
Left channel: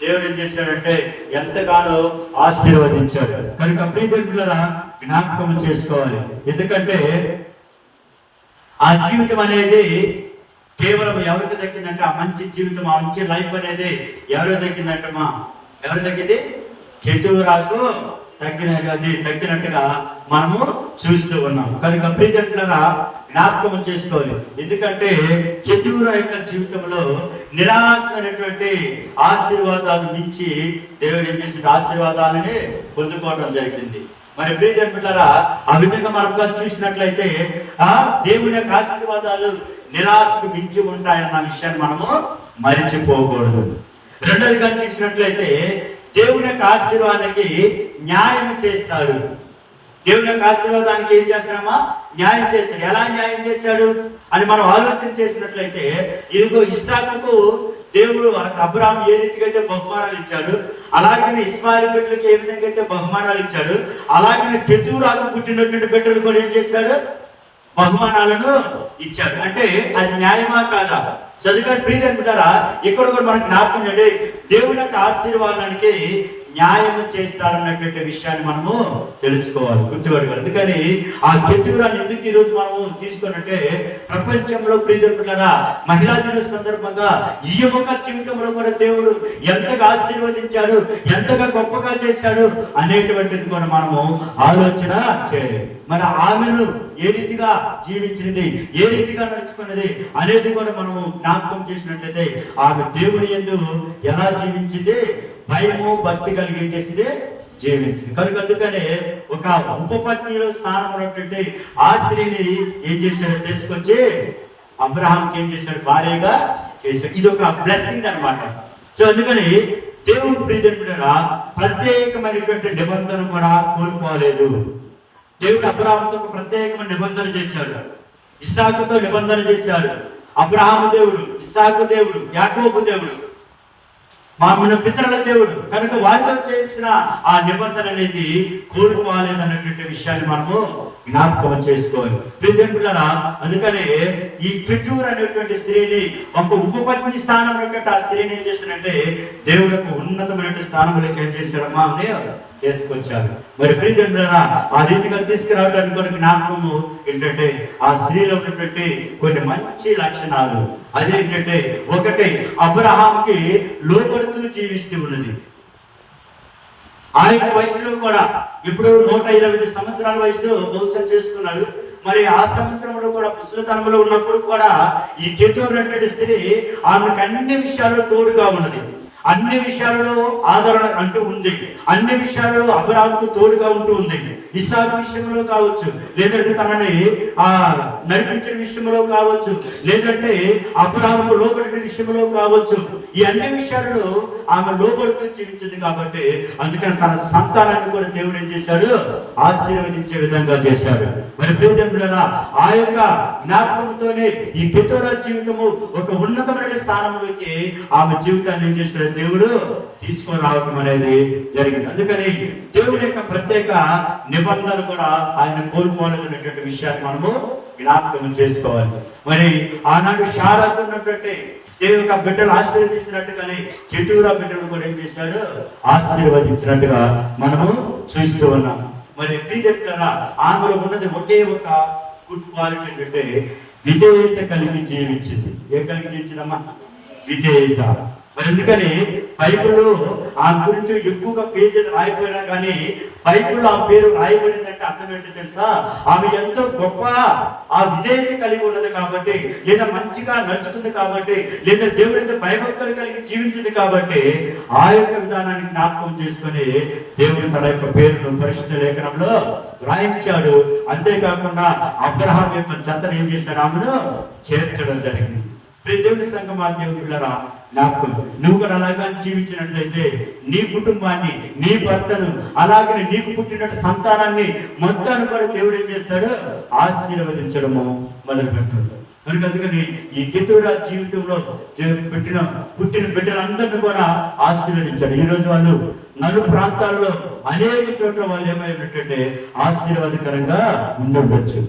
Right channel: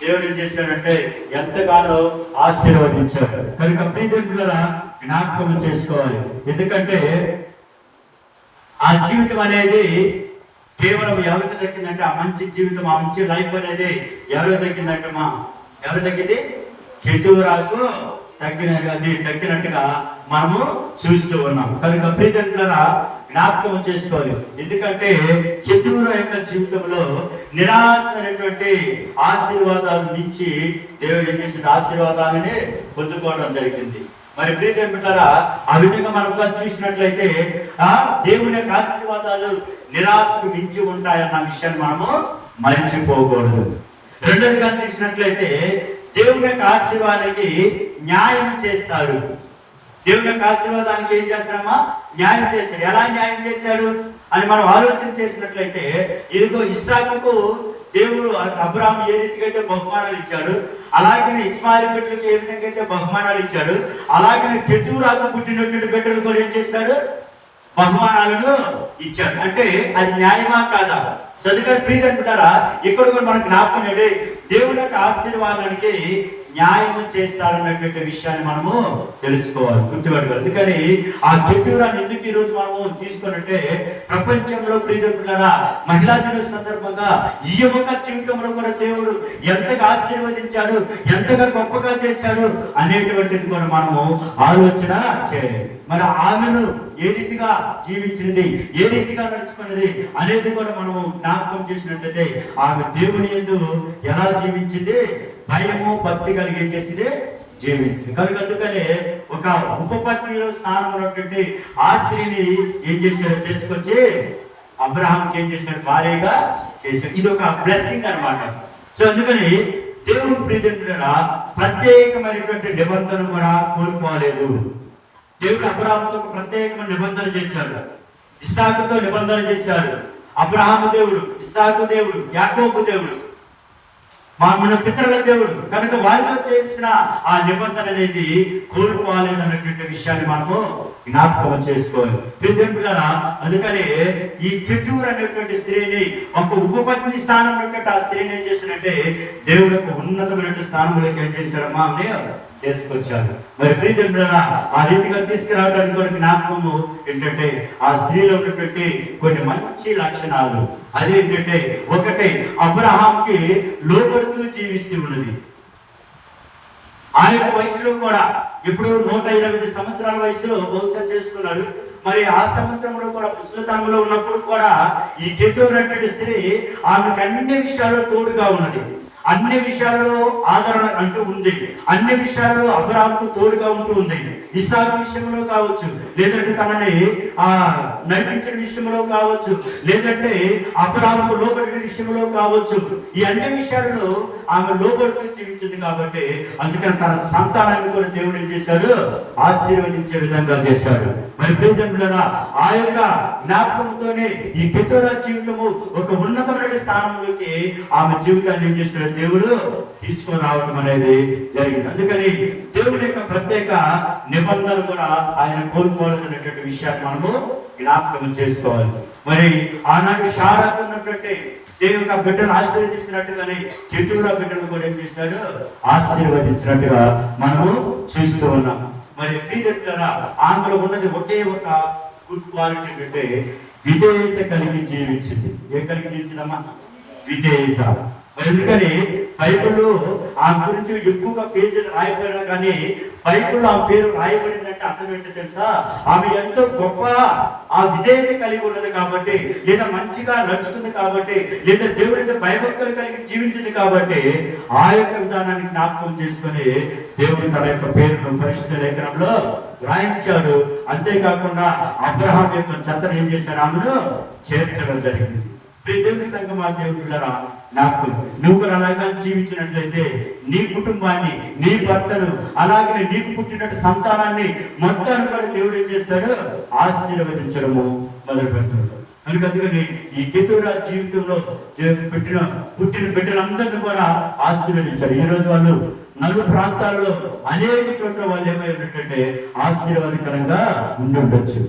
దేవుడు ఏం చేశాడంటే ఎంతగానో ఆశీర్వదించాడు. కనుక ప్రియజనులారా జ్ఞాపకం చేసుకోవాలి. ఎందుకంటే ఆ జీవితం అనేది కేవలం ఎవరికి దక్కిందంటే ఆ మంచి జీవితం, ఆ మంచి లైఫ్ అనేది ఎవరికి దక్కిందంటమ్మా? ఎవరు దక్కింది? కెతూరాకు దక్కినట్టుగా మనము చూస్తూ ఉన్నాం. కనుక ప్రియజనులారా జ్ఞాపకం చేసుకోవాలి. ఎందుకంటే కెతూరా యొక్క జీవితంలో నిరాశమైనటువంటి ఆశీర్వాదాలు నుంచి దేవుడు ఏం చేసిన ఆశీర్వాదాలని పొందుకోవడం జరిగింది. మరి ప్రియజనులారా ఆ విధంగా మనం చూసినట్లయితే దేవుని యొక్క ఆశీర్వాదాలు నిరాశకు మించి ఉంటాయన్న విషయాన్ని మనము మరిచిపోకూడదు. రెండోదిగా చూసినట్లయితే దేవుని యొక్క ఆశీర్వాదానికి న్యాయం చేస్తాడు. దేవుని యొక్క ఆశీర్వాదానికి ఏం చేస్తాడమ్మా? న్యాయం చేస్తాడు. ఎలా న్యాయం చేశాడు అని మనం ఆలోచన చేసినట్లయితే ఇదిగో ఇస్సాకుకు దేవుడు అబ్రహాం ఏ రీతిగా అయితే బహుమానాలు ఇచ్చాడు, అలాగే ఇస్మాయిల్ బిడ్డలకు ఏ విధంగా అయితే బహుమానాలు ఇచ్చాడు, అలాగే కెతూరాకు పుట్టినటువంటి బిడ్డలు కూడా ఏం చేశాడు? బహుమానాలను ఇచ్చాడు. అంటే అది న్యాయమా కాదా? చదువుకొని ప్రియజనులారా ఇక్కడ కూడా మనకు జ్ఞాపకం చేయండి. దేవుడి యొక్క ఆశీర్వాదానికి న్యాయం చేస్తాడన్నటువంటి విషయాన్ని మనము తెలుసుకోవాలి, గుర్తుపెట్టుకోవాలి. అందుకని ఆ కెతూరాన్ని ఎందుకు ఈరోజు మనము తీసుకున్నట్టే ప్రపంచంలో ప్రియజనులారా మహిళా దిన సందర్భంగా ఈ యొక్క జీవితంలో కూడా దేవుడు ఎంతగా ఆశీర్వదించాడు, ఎంతగా గొప్పగా చేశాడు అనేటువంటిది కూడా మనము ఆలోచన చేయాలి. మరి ఆమెను ఏ రీతిగా జీవించినది, ఏ రీతిగా నడుచుకున్నది అనేది కూడా మనము జ్ఞాపకం చేసినట్లయితే ఆమె దేవుని యందు ఎలా జీవించింది? భయము భక్తి కలిగి ఏం చేసింది? జీవించింది. కనుక అందుకనే ఒక ఉపపత్ని స్థానంలో ఆ స్త్రీని ఏం చేశాడు? తీసుకొచ్చి అబ్రహాంకి ఏం చేశాడు? భారీగా చేశాడు. ఇది ఒక బ్లెస్సింగ్ అనమాట. సో అందుకని దేవుని ప్రియజనులారా ప్రత్యేకమైనటువంటి నిబంధన కూడా కోల్పోలేదు. దేవుడు అబ్రహాముతో ఒక ప్రత్యేకమైన నిబంధన చేశాడు, ఇస్సాకుతో నిబంధన చేశాడు. అబ్రహాము దేవుడు, ఇస్సాకు దేవుడు, యాకోబు దేవుడు, మన పితరుల దేవుడు. కనుక వారితో చేసిన ఆ నిబంధన అనేది కోల్పోలేదన్నటువంటి విషయాన్ని మనము జ్ఞాపకం చేసుకోవాలి. ప్రియజనులారా అందుకనే ఈ కెతూరా అనేటువంటి స్త్రీని ఒక ఉపపత్ని స్థానంలో ఆ స్త్రీని ఏం చేశాడంటే దేవుడు యొక్క ఉన్నతమైన స్థానంలోకి ఏం చేశాడమ్మా అని తీసుకొచ్చారు. మరి ప్రియజనులారా ఆ రీతిగా తీసుకురావడానికి కూడా జ్ఞాపకము ఏంటంటే ఆ స్త్రీలో ఉన్నటువంటి కొన్ని మంచి లక్షణాలు. అదేంటంటే ఒకటి అబ్రహాంకి లోబడుతూ జీవిస్తూ ఉన్నది. ఆ యొక్క వయసులో కూడా ఇప్పుడు 125 సంవత్సరాల వయసులో బహుశా చేసుకున్నాడు. మరి ఆ సంవత్సరంలో కూడా ముసలితనంలో ఉన్నప్పుడు కూడా ఈ కెతూరా అనే స్త్రీ ఆమెకు అన్ని విషయాల్లో తోడుగా ఉన్నది. అన్ని విషయాలలో ఆదరణ అంటూ ఉంది. అన్ని విషయాలలో అబ్రాహాముకు తోడుగా ఉంటూ ఉంది. ఇస్సాకు విషయంలో కావచ్చు, లేదంటే తనని నడిపించిన విషయంలో కావచ్చు, లేదంటే అబ్రాహాముకు లోబడిన విషయంలో కావచ్చు, ఈ అన్ని విషయాలలో ఆమె లోబడుతూ జీవించింది. కాబట్టి అందుకని తన సంతానాన్ని కూడా దేవుడు ఏం చేశాడు, ఆశీర్వదించే విధంగా చేశాడు. మరి ప్రియజనులారా, ఆ యొక్క జ్ఞాపకంతోనే ఈ కెతూరా జీవితము ఒక ఉన్నతమైన స్థానంలోకి ఆమె జీవితాన్ని ఏం చేశాడు, దేవుడు తీసుకొని రావడం అనేది జరిగింది. అందుకని దేవుని యొక్క ప్రత్యేక నిబంధన కూడా ఆయన కోల్పోలేదనేటువంటి విషయాన్ని మనము జ్ఞాపకం చేసుకోవాలి. మరి ఆనాడు షారాకు ఉన్నటువంటి దేవుని యొక్క బిడ్డలు ఆశీర్వదించినట్టుగానే కెతూరా బిడ్డలు కూడా ఏం చేశాడు, ఆశీర్వదించినట్టుగా మనము చూస్తూ ఉన్నాం. మరి ప్రియజనులారా, ఆమెలో ఉన్నది ఒకే ఒక గుడ్ క్వాలిటీ ఏంటంటే విధేయత కలిగి జీవించింది. ఏం కలిగి జీవించిందమ్మా? విధేయత. మరి ఎందుకని బైబిల్లో ఆమె గురించి ఎక్కువగా పేజీలు రాయబడినా కానీ బైబిల్లో ఆ పేరు రాయబడిందంటే అర్థం ఏంటో తెలుసా? ఆమె ఎంతో గొప్ప ఆ విధేయత కలిగి ఉన్నది కాబట్టి, లేదా మంచిగా నడుచుకుంది కాబట్టి, లేదా దేవుడికి భయభక్తులు కలిగి జీవించింది కాబట్టి ఆ యొక్క విధానాన్ని జ్ఞాపకం చేసుకుని దేవుడు తన యొక్క పేరును పరిశుద్ధ లేఖనంలో రాయించాడు. అంతేకాకుండా అబ్రహాం యొక్క జతను ఏం చేశాడు, ఆమెను చేర్చడం జరిగింది. దేవుని సంఘం, ఆ దేవుడులారా, నాకు నువ్వు కూడా అలాగా జీవించినట్లయితే నీ కుటుంబాన్ని, నీ భర్తను, అలాగే నీకు పుట్టినట్టు సంతానాన్ని మొత్తాన్ని కూడా దేవుడు ఏం చేస్తాడు, ఆశీర్వదించడము మొదలు పెడతాడు. కనుక అందుకని ఈ కెతూరా జీవితంలో పుట్టిన బిడ్డలందరినీ కూడా ఆశీర్వదించాడు. ఈ రోజు వాళ్ళు నలు ప్రాంతాల్లో అనేక చోట్ల వాళ్ళు ఏమైనట్టే ఆశీర్వాదకరంగా ఉండొచ్చు.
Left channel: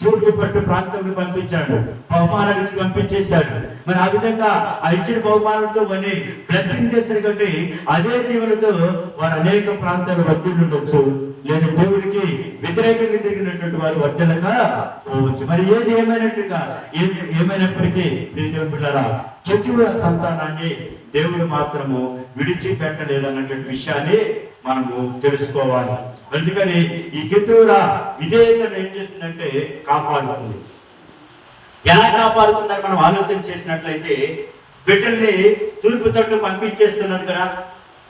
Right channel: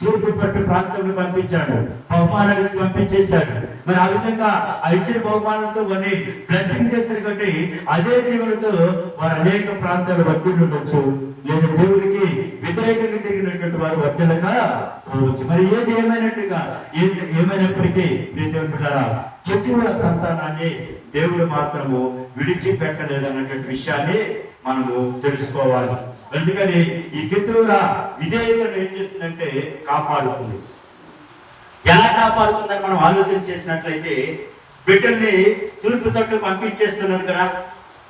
తూర్పు పట్టు ప్రాంతంలో పంపించాడు, బహుమానానికి పంపించేశాడు. మరి ఆ విధంగా ఆ ఇచ్చిన బహుమానంతో వారిని బ్లెస్సింగ్ చేశారు. కాబట్టి అదే దేవుడితో వారు అనేక ప్రాంతాలు వర్తిండొచ్చు, లేదా దేవుడికి వ్యతిరేకంగా తిరిగినటువంటి వారు వర్తనక పోవచ్చు. మరి ఏది ఏమైనప్పటికీ దేవుడారా, కెతూరా సంతానాన్ని దేవుడు మాత్రము విడిచిపెట్టలేదు అన్నటువంటి విషయాన్ని మనము తెలుసుకోవాలి. అందుకని ఈ కెతూరా విధేయతను ఏం చేస్తుందంటే కాపాడుతుంది. ఎలా కాపాడుతుందని మనం ఆలోచన చేసినట్లయితే, బిడ్డల్ని తూర్పు తట్టు పంపించేస్తున్నది కదా.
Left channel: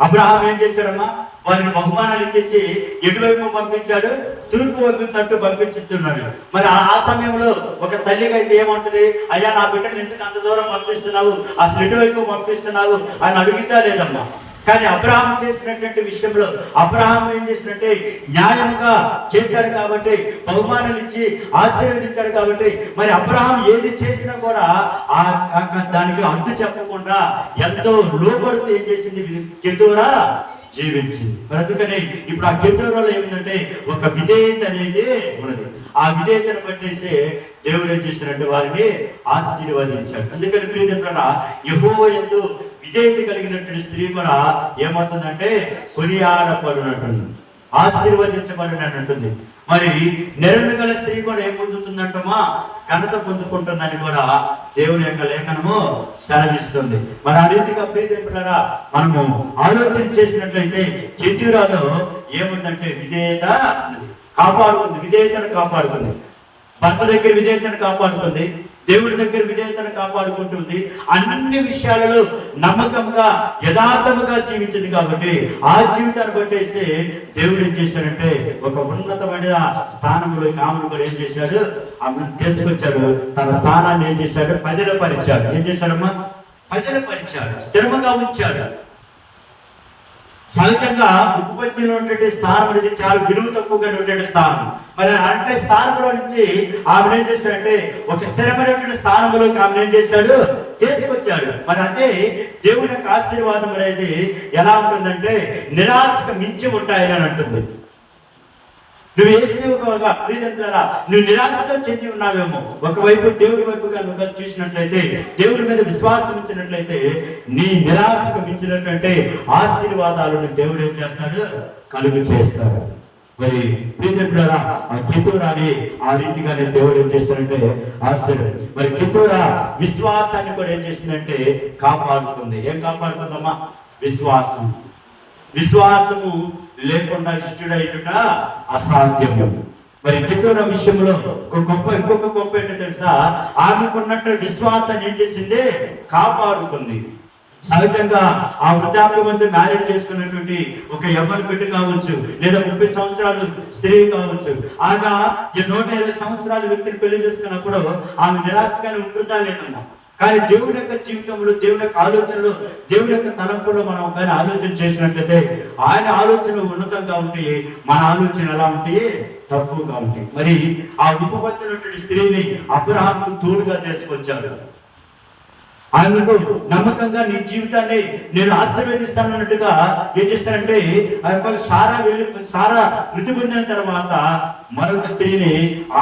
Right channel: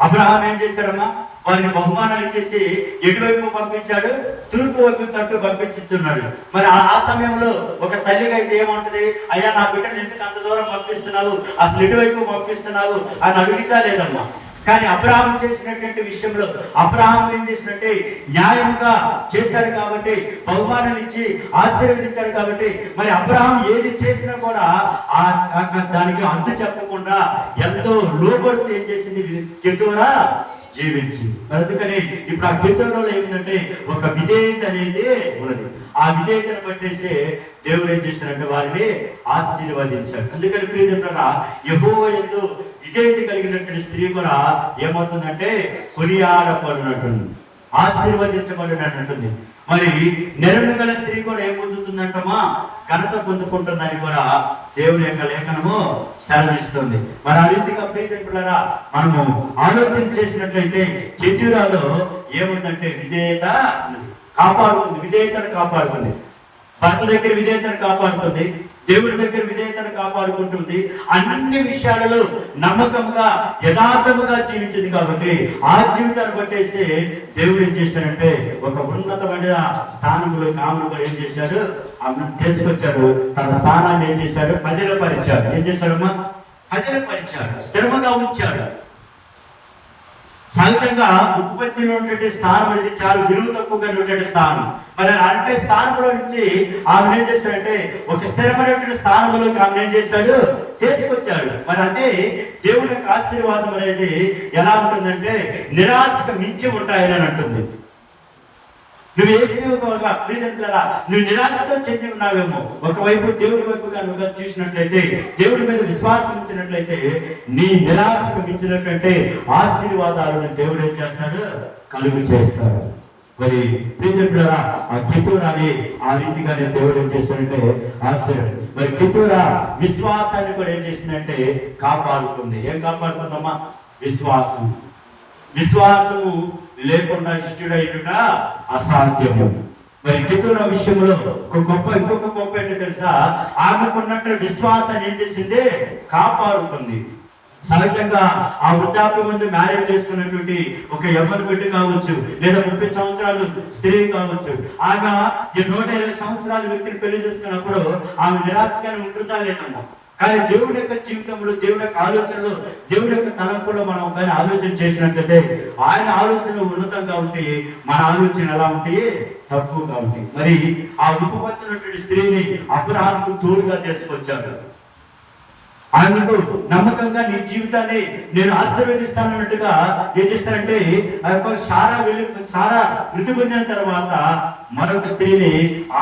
అబ్రహాం ఏం చేశాడమ్మా, వారిని బహుమానాలు ఇచ్చేసి ఎటువైపు పంపించాడు, తూర్పు వైపు తట్టు పంపించుతున్నాడు. మరి ఆ సమయంలో ఒక తల్లిగా అయితే ఏమంటది, అయ్యా నా బిడ్డను ఎందుకు అంత దూరం పంపిస్తున్నావు, అసలు ఎటువైపు పంపిస్తున్నావు అని అడుగుతా లేదమ్మా. కానీ అబ్రహాం చేసినటువంటి విషయంలో అబ్రహాం ఏం చేసినట్టే న్యాయంగా చేశాడు కాబట్టి, బహుమానాలు ఇచ్చి ఆశీర్వదించాడు కాబట్టి, మరి అబ్రహాం ఏది చేసినా కూడా దానికి అడ్డు చెప్పకుండా ఎంతో లోబడుతూ ఏం చేసింది కెతూరా జీవించి. అందుకని ఇప్పుడు ఆ కెతూరాలో ఏమిటంటే ఒక విధేయత అనేది ఉన్నది. ఆ విధేయతను పట్టేసి దేవుడు ఏం చేసినట్టు వారిని ఆశీర్వదించాడు. అందుకని ప్రియజనులారా, యెహోవా యందు విధేయత కలిగినటువంటి స్త్రీ కూడా ఏమవుతుందంటే కొనియాడబడినట్టుంది, ఆశీర్వదించబడినట్టుంది. మరి నెరను గల స్త్రీ కూడా ఏం పొందుతుందంటమా, ఘనత పొందుకుంటుందని కూడా దేవుని యొక్క లేఖనము సెలవిస్తుంది. మరి ఆ రీతిగా ప్రియజనులారా మనము ఆలోచన చేసినట్లయితే కెతూరాలో ఏముందంటే విధేయత అన్నది కాపాడుతుంది, విధేయతను కాపాడుతుంది. భర్త దగ్గర విధేయతను కాపాడుతుంది, దేవుడి దగ్గర విధేయతను కాపాడుకుంటుంది. అన్ని విషయాలలో నమ్మకంగా యథార్థముగా జీవించింది కాబట్టి ఆ జీవితాన్ని బట్టేసి దేవుడు ఏం చేశాడంటే ఒక ఉన్నతమైన స్థానంలోకి ఆమెను కూడా ఏం చేశాడు, ఆమెను తీసుకొచ్చాడు. తన స్థానాన్ని ఏం చేశాడు, పదిలపరిచాడు. ఏం చేశాడమ్మా, పదిలపరిచాడు, స్థిరముగా ఉంచాడు. సహజంగా ఉత్పత్తిలో ఉన్నటువంటి స్థానం అనేది చాలా విలువ తక్కువగా ఉన్నటువంటి స్థానం. మరి అంటే స్థానంలో నుంచి ఆమె ఏం చేశాడంటే ఒక స్థిరమైనటువంటి స్థానంలోకి ఆమె ఏం చేశాడు, తీసుకొచ్చాడు. మరి అదే దేవుడి యొక్క ఆశీర్వాదం అనేది ఎలా ఉంటుందంటే నిరాశకు మించి ఉంటాయని అని అంటుంది. నువ్వు నువ్వు నిరాశతో చెంది ఉన్నావేమో. ఒకవైపు దేవుడి వైపు కనుక చూసినట్లయితే, దేవుడి మీద విశ్వాసం ఉంచినట్లయితే నీ నిరాశకు మించినట్లయితే ఆశీర్వాదాలను దేవుడు ఏం చేస్తాడు, కలుగు చేస్తాడు. మరి ప్రియజనులారా, ఆ కెతూరాని ఆ రీతిగానే దేవుడు ఏం చేస్తాడంటే ఆశీర్వాదం. మరి కెతూరా విశ్వాసాన్ని కూడా ఏం చేసిందంటే కాపాడుతుంది. ఏం కాపాడుతుందమ్మా, విశ్వాసం. విశ్వాసము లేకుండా ఇష్టడైన అసాధ్యము. మరి కెతూరా విషయంలో ఇంకొక గొప్ప ఏంటో తెలుసా, ఆమెకున్నట్టు విశ్వాసాన్ని ఏం చేసింది, కాపాడుకుంది. సహజంగా ఆ వృద్ధాప్య మంది మ్యారేజ్ చేసుకున్నటువంటి ఒక యవ్వన బిడ్డ కావచ్చు, లేదా 30 సంవత్సరాలు స్త్రీ కావచ్చు, ఆమె 120 సంవత్సరాల వ్యక్తిని పెళ్లి చేసుకున్నప్పుడు ఆమె నిరాశగానే ఉంటుందా లేదమ్మా. కానీ దేవుడి యొక్క జీవితంలో, దేవుడి యొక్క ఆలోచనలో, దేవుడి యొక్క తలంపులో మనం కానీ ఆలోచన చేసినట్లయితే ఆయన ఆలోచనలు ఉన్నతంగా ఉంటాయి, మన ఆలోచన ఎలా ఉంటాయి, తక్కువగా ఉంటాయి. మరి ఆ ఉపపత్తినటువంటి స్త్రీని అబ్రహాముకు తోడుగా తీసుకొచ్చారు. ఆయనకు నమ్మకంగా నీ జీవితాన్ని నేను ఆశీర్వదిస్తానన్నట్టుగా ఏం చేస్తారంటే, ఆ యొక్క సారా మృతి పొందిన తర్వాత మరొక స్త్రీని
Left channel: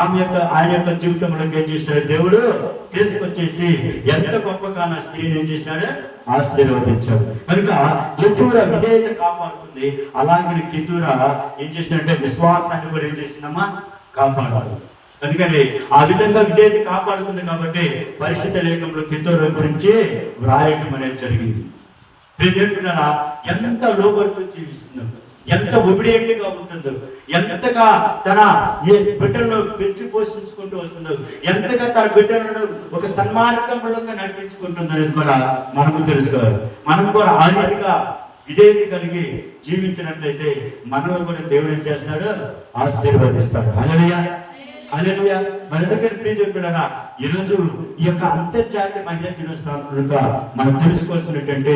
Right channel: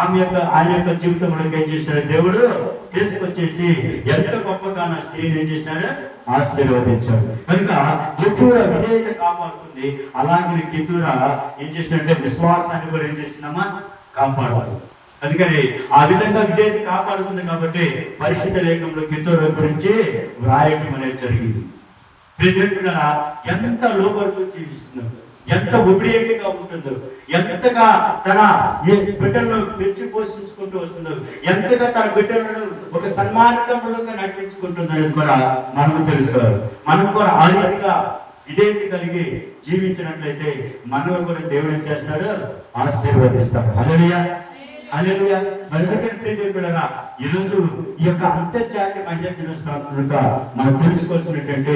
ఆయన యొక్క జీవితంలోకి ఏం చేశాడు, దేవుడు తీసుకొచ్చేసి ఎంత గొప్పగా ఆ స్త్రీని ఏం చేశాడు, ఆశీర్వదించాడు. కనుక కెతూరా విధేయత కాపాడుతుంది. అలాగే కెతూరా ఏం చేసినట్టే విశ్వాసాన్ని కూడా ఏం చేసిందమ్మా, కాపాడాలి. అందుకని ఆ విధంగా విధేయత కాపాడుతుంది కాబట్టి పరిశుద్ధ లేఖనంలో కెతూరా గురించి వ్రాయటం అనేది జరిగింది. ప్రియదేవులారా, ఎంత లోబడుతూ జీవిస్తుందో, ఎంత ఒబిడియంట్గా ఉంటుందో, ఎంతగా తన బిడ్డలను పెంచి పోషించుకుంటూ వస్తుందో, ఎంతగా తన బిడ్డలను ఒక సన్మార్గంలోకి నడిపించుకుంటుందని కూడా మనకు తెలుసుకోవాలి. మనం కూడా ఆ రీతిగా విధేయత కలిగి జీవించినట్లయితే మనలో కూడా దేవుడు ఏం చేస్తాడు, ఆశీర్వదిస్తాడు. హల్లెలూయా, హల్లెలూయా. మరి ఎందుకంటే ప్రియదేవులారా, ఈరోజు ఈ యొక్క అంతర్జాతీయ మహిళా దినోత్సవంగా మనం తెలుసుకోవాల్సినటువంటి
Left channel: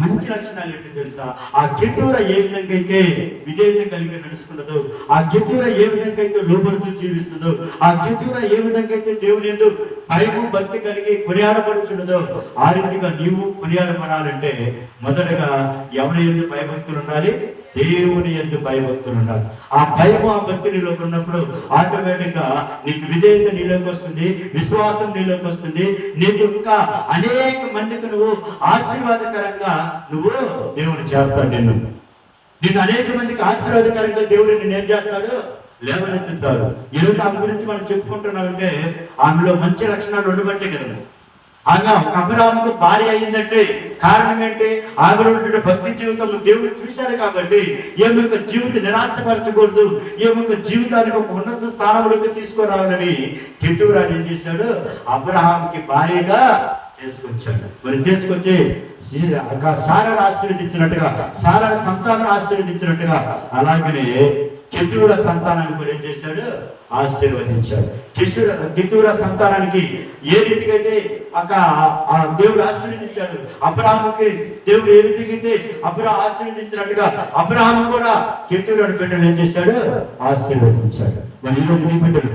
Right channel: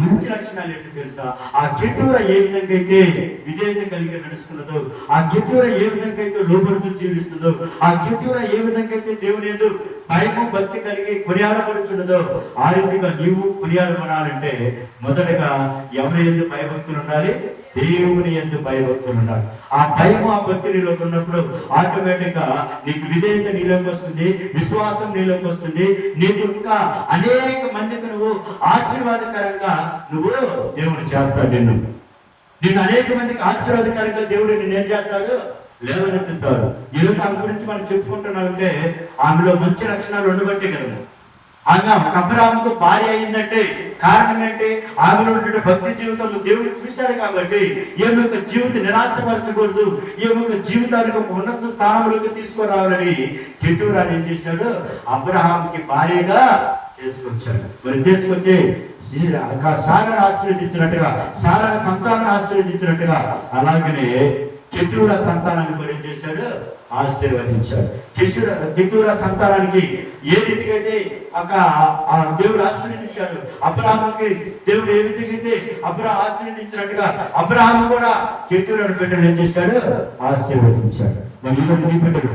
మంచి లక్షణాలు ఏంటో తెలుసా? ఆ కెతూరా ఏ విధంగా అయితే విధేయత కలిగి నడుస్తున్నదో, ఆ కెతూరా ఏ విధంగా అయితే లోబడుతూ జీవిస్తుందో, ఆ కెతూరా ఏ విధంగా అయితే దేవుని యందు భయము భక్తి కలిగి కొనియాడబడుచున్నదో, ఆ రీతిగా నీవు కొనియాడబడాలంటే మొదటగా ఎవరి యందు భయభక్తులు ఉండాలి, దేవుని యందు భయభక్తులు ఉండాలి. ఆ భయము ఆ భక్తి నీలోకి ఉన్నప్పుడు ఆటోమేటిక్ గా నీకు విధేయత నీలోకి వస్తుంది, విశ్వాసం నీలోకి వస్తుంది. నీకు ఇంకా అనేక మందికి నువ్వు ఆశీర్వాదకరంగా నువ్వు దేవుడు చేస్తాడు. నిన్ను అనేక మందికి ఆశీర్వాదకరంగా దేవుడు నిన్ను ఏం చేస్తాడు, లేవనెత్తుతాడు. ఈరోజు ఆమె గురించి మనం చెప్పుకుంటున్నామంటే ఆమెలో మంచి లక్షణాలు ఉండబట్టే కదా. ఆమె అబ్రహాముకు భార్య అయిందంటే కారణం ఏంటి? ఆమెలో ఉండే భక్తి జీవితం దేవుడు చూశాడు కాబట్టి ఈమె యొక్క జీవితం నిరాశపరచకూడదు, ఈమె యొక్క జీవితానికి ఒక ఉన్నత స్థానంలోకి తీసుకురావాలని కెతూరా ఏం చేశాడు, అబ్రహాముకి భార్యగా తీసుకొచ్చాడు. మరి తీసుకొచ్చి సారాను ఆశీర్వదించినట్టుగా, సారాని సంతానాన్ని ఆశీర్వదించినట్టుగా అలాగనే కెతూరా సంతానాన్ని కూడా ఏం చేశాడు, ఆశీర్వదించాడు. కెతూరా సంతానానికి ఏ రీతిగా అయితే దేవుడు ఆశీర్వదించాడు, అబ్రహాముకి దేవుడు ఏ విధంగా అయితే ఆశీర్వదించినట్టుగా అబ్రహాము కూడా కెతూరాని బిడ్డలు ఏం చేశాడు, ఆశీర్వదించాడు. నీ బిడ్డలు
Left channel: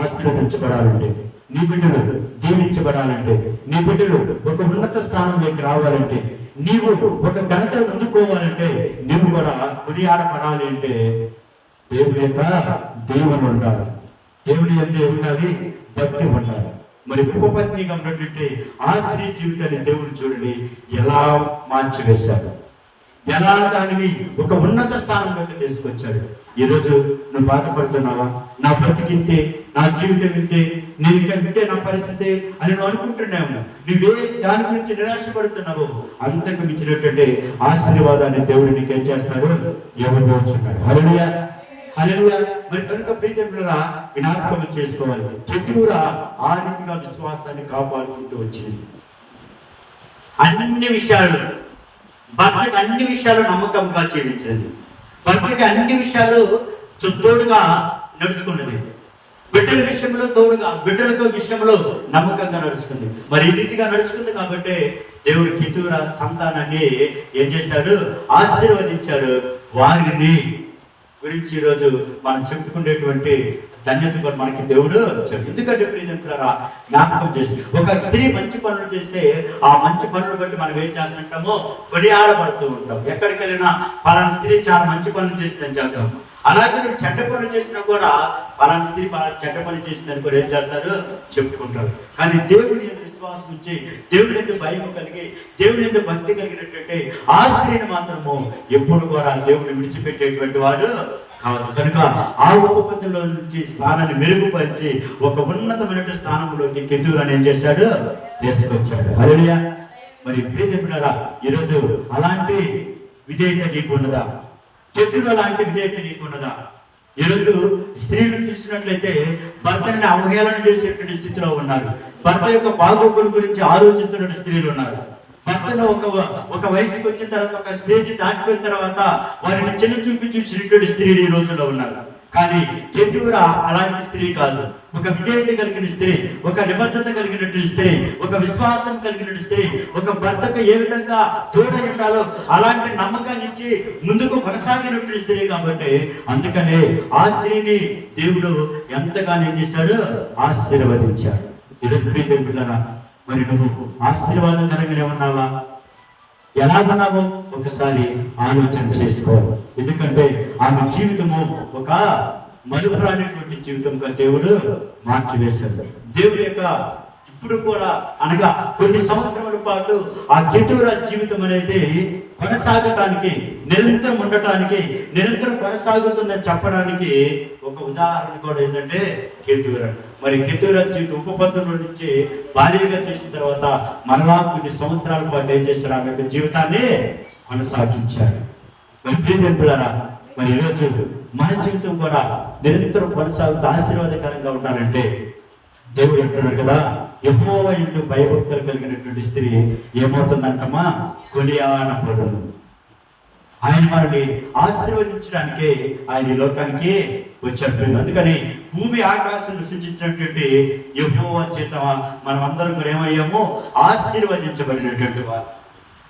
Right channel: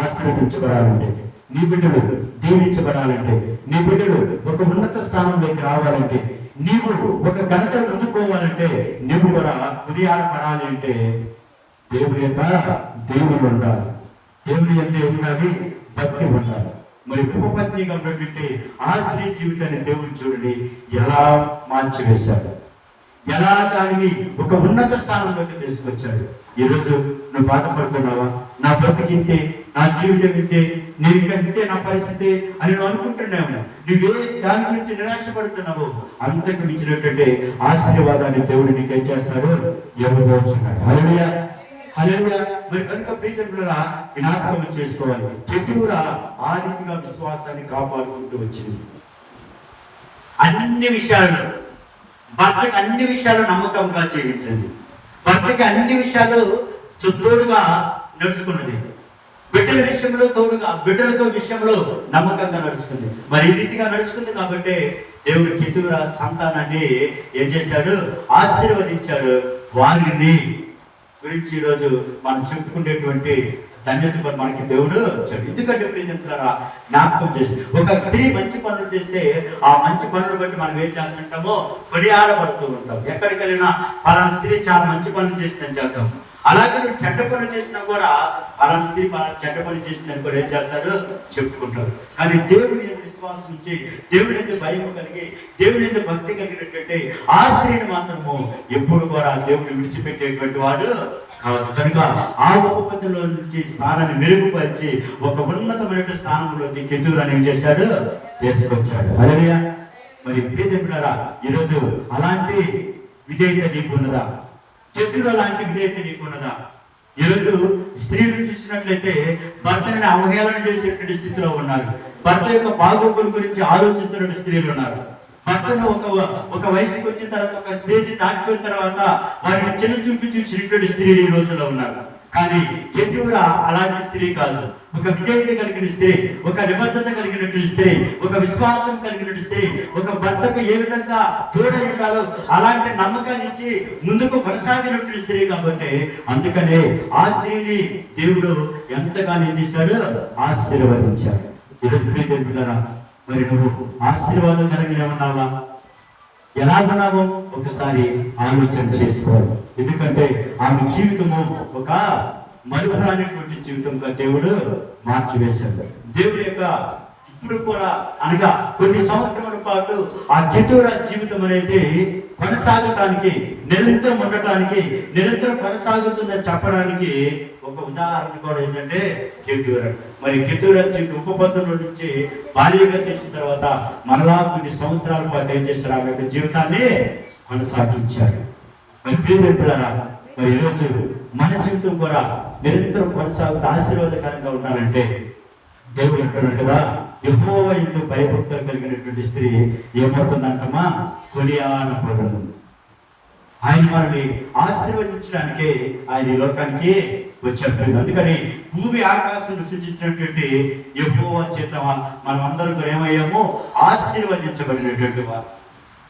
ఆశీర్వదించబడాలంటే, నీ బిడ్డలు దీవించబడాలంటే, నీ బిడ్డలు ఒక ఉన్నత స్థానంలోకి రావాలంటే, నీవు ఒక ఘనతను అందుకోవాలంటే, నీవు కూడా కొనియాడబడాలి అంటే దేవుడి యొక్క దేవుడు ఉండాలి, దేవుడి యొక్క ఉండాలి, భక్తి ఉండాలి. మరి ఉపపత్నిగా ఉన్నటువంటి ఆ స్త్రీ జీవితాన్ని దేవుడు చూడండి ఎలా మార్చివేశాడు, ఎలా దానిని ఒక ఉన్నత స్థానంలోకి తీసుకొచ్చాడు. ఈరోజు నువ్వు బాధపడుతున్నావా, నా బ్రతికింతే, నా జీవితం ఇంతే, నేను ఇంకంతే నా పరిస్థితి అని నువ్వు అనుకుంటున్నావు. నువ్వే దాని గురించి నిరాశపడుతున్నావు. అంతకు మించినటువంటి ఆశీర్వాదాన్ని దేవుడు నీకేం చేస్తున్నాడు, ఇవ్వబోతున్నాడు. హల్లెలూయా, హల్లెలూయా. మరి కనుక ప్రియమైన జ్ఞాపకం చేసుకోవాలి, కెతూరా ఆ రీతిగా విశ్వాసాన్ని కాపాడుకుంటూ వచ్చింది. అన్ని విషయాలను భర్తకి అన్ని విషయాలు నమ్మకంగా జీవించింది, భర్తకి అన్ని విషయాలు తోడుగా నడుచుకున్నది, బిడ్డల విషయంలో తోడుగా, బిడ్డల విషయంలో నమ్మకంగా నడుచుకుంది. మరి ఈ రీతిగా నడుచుకుంది కాబట్టి దేవుడు కెతూరా సంతానాన్ని ఏం చేశాడు, ఆశీర్వదించాడు. వారిని గురించి ఈరోజు మనం చెప్పుకునేటువంటి ధన్యత కూడా మనకి దేవుడు వచ్చాడు. ఎందుకంటే ప్రియమిత్రులారా, జ్ఞాపకం చేసి ఒక స్త్రీ మంచి పనులు చేస్తే ఆ మంచి పనులు బట్టి మనం ఏం చేస్తుంటామో కొనియాడబడుతూ ఉంటాం. ఎక్కడికి వెళ్ళినా పలానా స్త్రీ చాలా మంచి పనులు చేసిందని చెప్తాం. అలాగే నువ్వు చెడ్డ పనులు చేసినా కూడా పలానా స్త్రీ చెడ్డ పనులు చేసిందని కూడా ఏం చేస్తారు, చెప్పుకుంటారు. కానీ దేవుని యొక్క విశ్వాసం నుంచి, దేవుని యొక్క భయం కలిగి, దేవుని యొక్క భక్తి కలిగినటువంటి ఆ స్త్రీని మాత్రము ఎప్పుడు కూడా దేవుడిని విడిచిపెట్టేటువంటి వాడు కాదు. కనుక ఆ ఉపపత్తిలో నుంచి స్థానాన్ని మెరుగుపరిచి ఒక ఉన్నతమైన స్థానంలోకి కెతూరాని ఏం చేశాడు, తీసుకొచ్చాడు. హల్లెలూయా. మరి ప్రియమిత్రులారా, ఈరోజు అలాంటి విధేయత నీకున్నదా? కెతూరా లాంటి విధేయత నీకున్నదా? ఈరోజు స్త్రీలు చూసినట్లయితే భర్తని అవహేళన చేసేటువంటి స్థితిలో ఉన్నారు. భర్త యొక్క బాగోగుల గురించి ఆలోచించినటువంటి స్త్రీలు ఉన్నారు. భర్తను ఒక వయసుకు వచ్చిన తర్వాత, ఒక స్టేజ్ దాటిపోయిన తర్వాత వారిని చిన్న చూపి చూసినటువంటి స్త్రీలు ఈ రోజుల్లో ఉన్నారు. కానీ కెతూరా అలాంటి స్త్రీ కాదు. ఒక విధేయత కలిగిన స్త్రీ, ఒక నిబద్ధత కలిగినటువంటి స్త్రీ, ఒక విశ్వాసం కలిగినటువంటి స్త్రీ, ఒక భర్తకు ఏ విధంగా తోడై ఉండాలో అలాంటి నమ్మకాన్ని ఇచ్చి ముందుకు కొనసాగినటువంటి స్త్రీ కాబట్టి అందుకనే ఆ స్త్రీని దేవుడు ఎంతగానో ఏం చేశాడు? ఆశీర్వదించాడు. ఈరోజు ప్రియదేవులారా, మరి నువ్వు ఆశీర్వాదకరంగా ఉన్నావా? ఎలా ఉన్నావో ఒకసారి ఆలోచన చేసుకో. ఎందుకంటే ఆమె జీవితము ఒక మలుపురానిటువంటి జీవితంగా దేవుడు మార్చివేశాడు. దేవుడి యొక్క ఇప్పుడు కూడా అనగా కొన్ని సంవత్సరాల పాటు ఆ కెతూరా జీవితం అనేది కొనసాగటానికి, నిరంతరం ఉండటానికి, నిరంతరం కొనసాగుతుందని చెప్పడానికి ఒక ఉదాహరణ కూడా ఏంటంటే కెతూరా. మరి కెతూరా జీవితం ఉపపత్తుల నుంచి భార్యగా చేసిన తర్వాత మరలా కొన్ని సంవత్సరాల పాటు ఏం చేశారు? ఆమె యొక్క జీవితాన్ని కొనసాగించారు. మరి ప్రియదేవులారా, మరి ఈరోజు మన జీవితం కూడా నిరంతరం కొనసాగుతూ ఆశీర్వాదకరంగా ఉండాలంటే దేవుడు చెప్తున్నాడు కదా, యెహోవా యందు భయభక్తులు కలిగినటువంటి స్త్రీ ఏమవుతుందంటమా? కొనియాడబడును. ఆయన మనల్ని ఆశీర్వదించడానికే ఆయన ఈ లోకానికి వచ్చాడు. అందుకని భూమి ఆకాశం సృష్టించినటువంటి యెహోవా చేత మనం అందరం కూడా ఏమయ్యాము? ఆశీర్వదించబడినటువంటి వారు.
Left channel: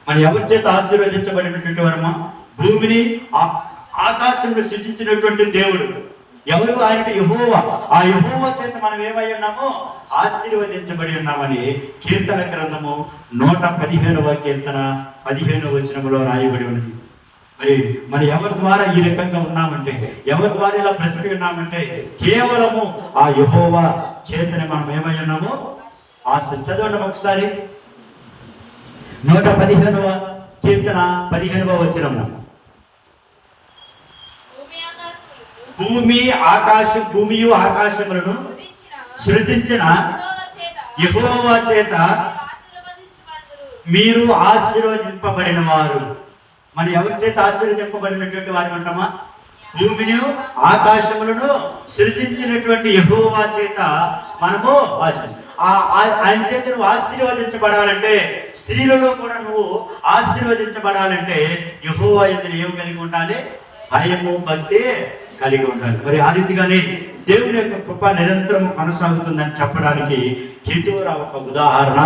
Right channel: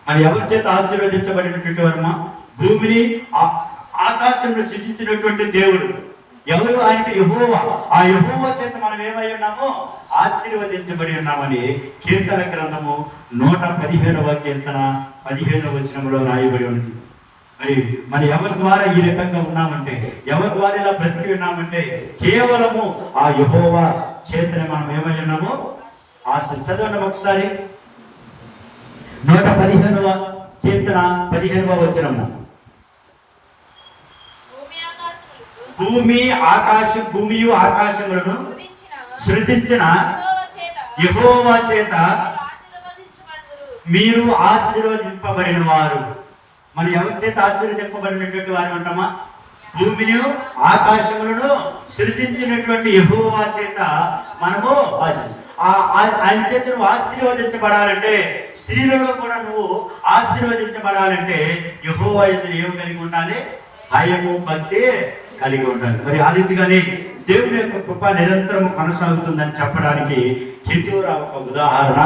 మరి ఎవరి చేత ఆశీర్వదించబడినటువంటి వారమ్మా? భూమిని ఆకాశంలో సృష్టించినటువంటి దేవుడు ఎవరు? ఆయన యెహోవా. ఆ యెహోవా చేత మనం ఏమై ఉన్నామో? ఆశీర్వదించబడి ఉన్నామని కీర్తన గ్రంథము 115వ కీర్తన 15వ వచనంలో రాయబడి ఉంది. మరి ఎవరి ద్వారా ఈ రకంగా ఉన్నామంటే, ఎవరి ద్వారా ఇలా బ్రతికి ఉన్నామంటే కేవలము ఆ యెహోవా చేతనే మనం ఏమై ఉన్నామో? చదవండి ఒకసారి. 115వ కీర్తన 15వ వచనము. భూమియు ఆకాశములను సృజించిన యెహోవా చేత మీరు ఆశీర్వదింపబడిన వారు. మరి ఎవరి చేత ఆశీర్వదింపబడినటువంటి వారు అంటామా? భూమిని ఆకాశములను సృజించినటువంటి యెహోవా చేత మనము ఆయన చేత నువ్వు ఆశీర్వదించబడాలంటే, స్త్రీలలో కూడా నువ్వు ఆశీర్వదించబడాలంటే యెహోవా యందు ఏం కలిగి ఉండాలి? భయము, భక్తి కలిగి ఉండాలి. మరి ఆ రీతిగానే దేవుని యొక్క కృప నిరంతరం కొనసాగుతుందని చెప్పడానికి కెతూరా ఒక ఉదాహరణ.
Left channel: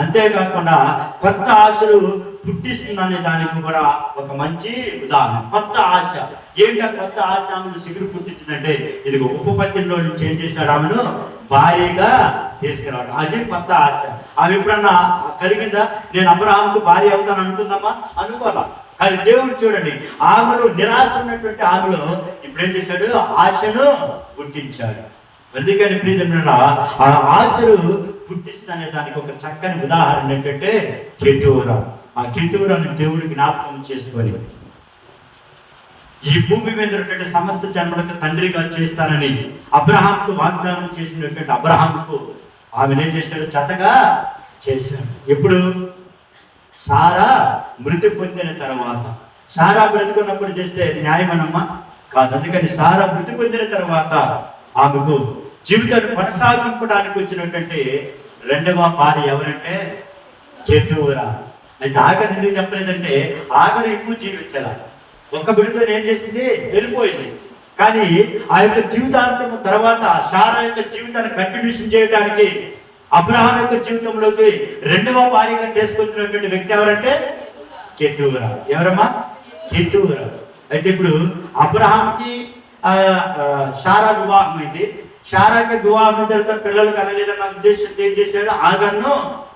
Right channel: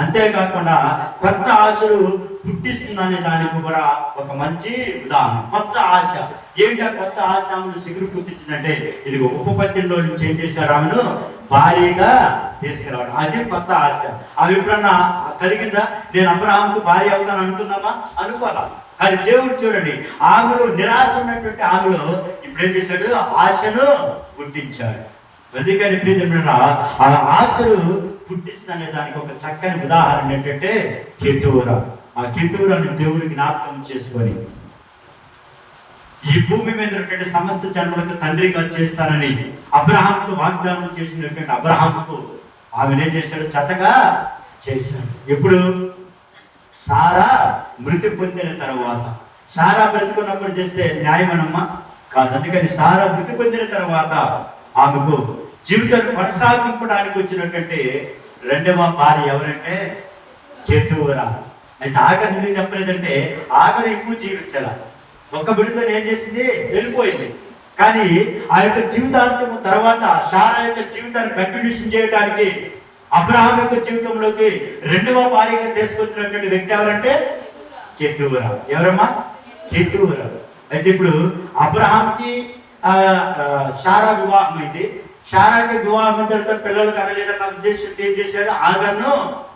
అంతేకాకుండా కొత్త ఆశలు పుట్టిస్తుందనే దానికి కూడా ఒక మంచి ఉదాహరణ. కొత్త ఆశ ఏంటా? కొత్త ఆశ సిగురు పుట్టించిందంటే ఇది ఉపపత్తిలో నుంచి ఏం చేశాడు? ఆమెను భార్యగా తీసుకురావడం, అది కొత్త ఆశ. ఆమె ఎప్పుడన్నా కలిగిందా? నేను అబ్రహాంకు భార్య అవుతాను అనుకుందామా? అనుకోవాలా. కానీ దేవుడు చూడండి, ఆమెలో నిరాశ ఉన్నటువంటి ఆమెలో ఇప్పుడు ఏం చేశాడు? ఆశను పుట్టించాడు. అందుకని ప్రియదేవుడా, ఆ ఆశను పుట్టిస్తుందనే దానికి ఒక చక్కని ఉదాహరణ ఏంటంటే కెతూరా. ఆ కెతూరాను దేవుడు జ్ఞాపకం చేసుకొని ఈ భూమి మీద ఉన్నటువంటి సమస్త జన్మలకు తండ్రిగా చేస్తానని అబ్రహాంతో వాగ్దానం చేసినటువంటి అబ్రహాంకు ఆమెను ఏం చేశాడు? జతగా చేశాడు. ఎప్పుడు? సారా మృతి పొందిన తర్వాత. సారా బ్రతుకున్నప్పుడు చేస్తే న్యాయమనమ్మా? కాదు. అందుకని సారా మృతి పొందిన తర్వాత ఆమెకు జీవితాన్ని కొనసాగించడానికి వచ్చినటువంటి రెండవ భార్య ఎవరంటే కెతూరా. అయితే ఆఖరి ఎందుకు చెప్పలేదంటే ఆఖరి ఎక్కువ జీవించాల. ఒక బిడ్డతో ఏం చేసింది? వెళ్ళిపోయింది. కానీ ఆ యొక్క జీవితాంతం తర్వాత సారా యొక్క జీవితాన్ని కంటిన్యూషన్ చేయడానికి అబ్రహాం యొక్క జీవితంలోకి రెండవ భార్యగా తీసుకొచ్చినటువంటి వ్యక్తి ఎవరంటే కెతూరా. ఎవరమ్మా? కెతూరా. అయితే ఇప్పుడు అబ్రహాంకి సారా వివాహం అయింది. సారాకి వివాహం తర్వాత పిల్లలు కనలేదన్న ఉద్దేశంతో ఏం చేశారు? ఆగర్ను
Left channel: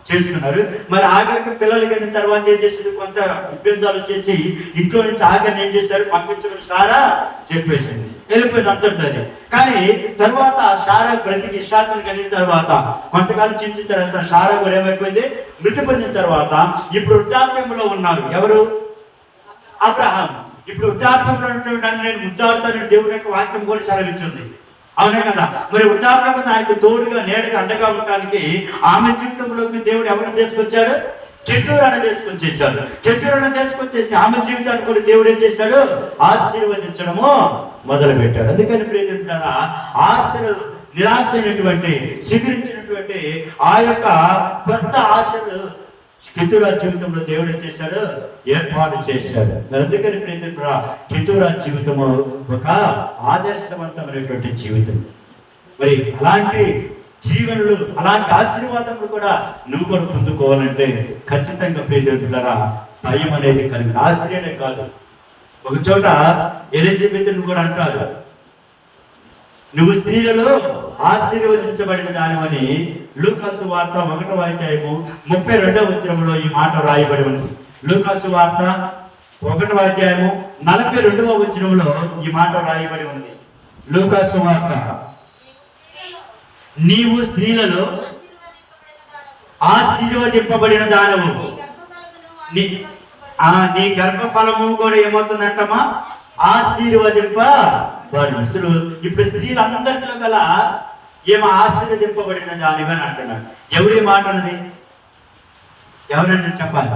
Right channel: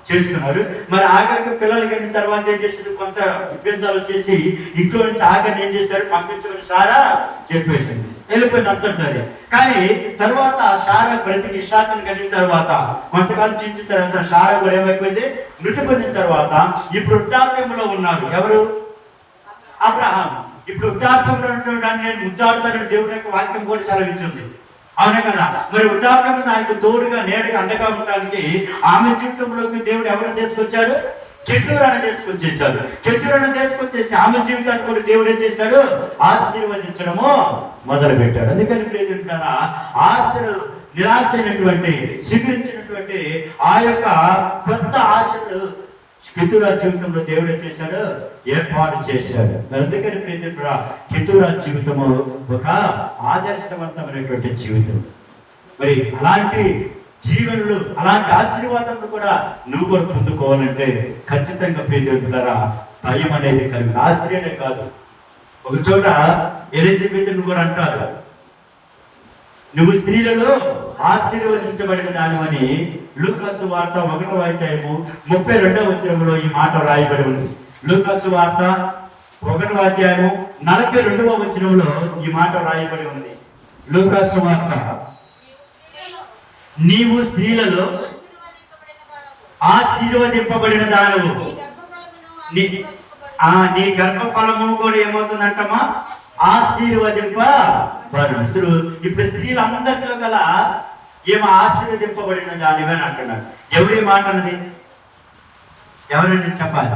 చేసుకున్నారు. మరి ఆఖరికి పిల్లలు కలిగిన తర్వాత ఏం చేశారు? కొంత ఇబ్బందులు వచ్చేసి ఇంట్లో నుంచి ఆఖరిని ఏం చేశారు? పంపించమని సారా చెప్పేసింది. వెళ్ళిపోయింది అంతర్దారి. కానీ తర్వాత సారా బ్రతికి ఇష్టాత్మం కలిగిన తర్వాత కొంతకాలం చించిన తర్వాత సారా కూడా ఏమైపోయింది? మృతి పొందిన తర్వాత ఇప్పుడు వృద్ధాప్యంలో ఉన్నారు. ఎవరు? అబ్రహాం. ఇప్పుడు వృద్ధాప్యంలో ఉంటున్నాను, నేను ముద్దాడుతానని దేవుడి యొక్క వాక్యం కూడా సెలవించింది. అవునా కదా? మరి వృద్ధాప్యం ఆయనకు తోడుగా, నీడగా, అండగా ఉండడానికి ఆమె జీవితంలోకి దేవుడు ఎవరిని తీసుకొచ్చాడు? కెతూరాను తీసుకొచ్చేసాడు. కెతూరాను తీసుకొచ్చేసి ఆమె జీవితాన్ని కూడా దేవుడు ఏం చేశాడు? ఆశీర్వదించడము మొదలు పెట్టాడు. అందుకని ప్రియతున్నారా, ఆశలు నిరాశ అయినటువంటి శిఖరించినటువంటి ఆ యొక్క కొత్త ఆశలు కెతూరా జీవితంలో దేవుడు ఏం చేశాడు? ఏర్పాటు చేశాడు. అందుకని ప్రియతున్నారా, కెతూరా జీవితము ఒక ఆదర్శవంతమైనటువంటి జీవితం. మరి అలాంటి జీవనులు, అలాంటి ఆశీర్వాదములు కూడా నువ్వు కూడా పొందుకోవాలంటే ఖచ్చితంగా ప్రియదేవులారా భయం అనేది కలిగి. ఆ స్త్రీనే కాదు, ఒక చోట ఎలిజబెత్ను కూడా అంటారు, నువ్వు స్త్రీలలో ఆశీర్వదించబడిన దానివని. లూకాసు వార్త 1వ అధ్యాయము 32వ వచనములో ఈ మాట రాయబడి ఉంది. లూకాసు వార్త 1వ అధ్యాయము 42వ వచనంలో ఈ మాట రాయబడి ఉంది. లూకాసు వార్త, నీవు స్త్రీలలో ఆశీర్వదింపబడిన దానవు, నీ గర్భఫలము కూడా ఏమవుతుందంటమ్మా? ఆశీర్వదింపబడు. ఇప్పుడు స్త్రీలందరిలో గల ఏమో ఆశీర్వదింపబడిన దానివి అని అంటున్నాడు. ఎవరి మాట అన్నది? ఎవరంటే చెప్పాలి.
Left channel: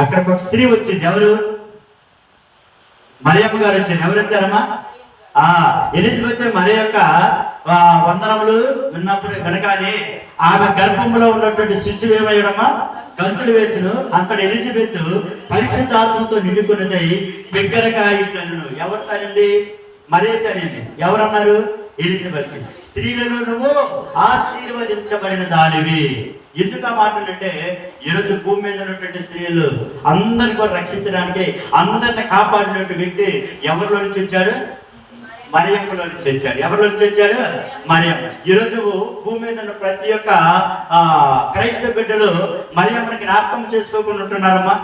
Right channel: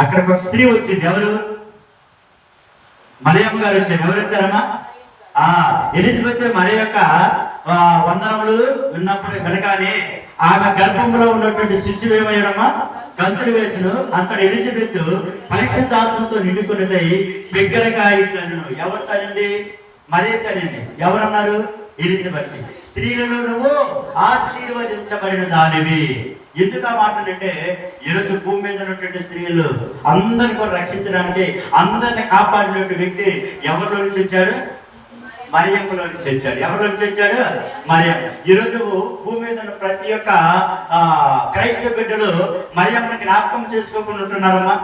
అక్కడికి ఒక స్త్రీ వచ్చింది. ఎవరు? మరియమ్మ గారు వచ్చారు. ఎవరు వచ్చారమ్మా? ఎలిజబెత్ మరి యొక్క వందనములు విన్నప్పుడు వినగానే ఆమె గర్భంలో ఉన్నటువంటి శిశువు ఏమయ్యడమ్మా? గంతులు వేసును. అంతటి ఎలిజబెత్ పరిశుద్ధాత్మతో నిండుకున్నదై బిగ్గరగా ఇట్లను. ఎవరు తనింది? మరే తనింది. ఎవరన్నారు? ఎలిజబెత్. స్త్రీలలో నువ్వు ఆశీర్వదించబడిన దానివి. ఎందుకు ఆ మాటలంటే, ఈరోజు భూమి మీద ఉన్నటువంటి స్త్రీలు అందరిని కూడా రక్షించడానికి, అందరిని కాపాడినటువంటి వ్యక్తి ఎవరిలో నుంచి వచ్చాడు? మరియమ్మలో నుంచి వచ్చాడు. ఎవరిలో నుంచి వచ్చాడు? మరియం. ఈరోజు భూమి మీద ఉన్న ప్రతి ఒక్క క్రైస్తవ బిడ్డలు మరియమ్మని జ్ఞాపకం చేసుకోకుండా ఉంటున్నారమ్మా.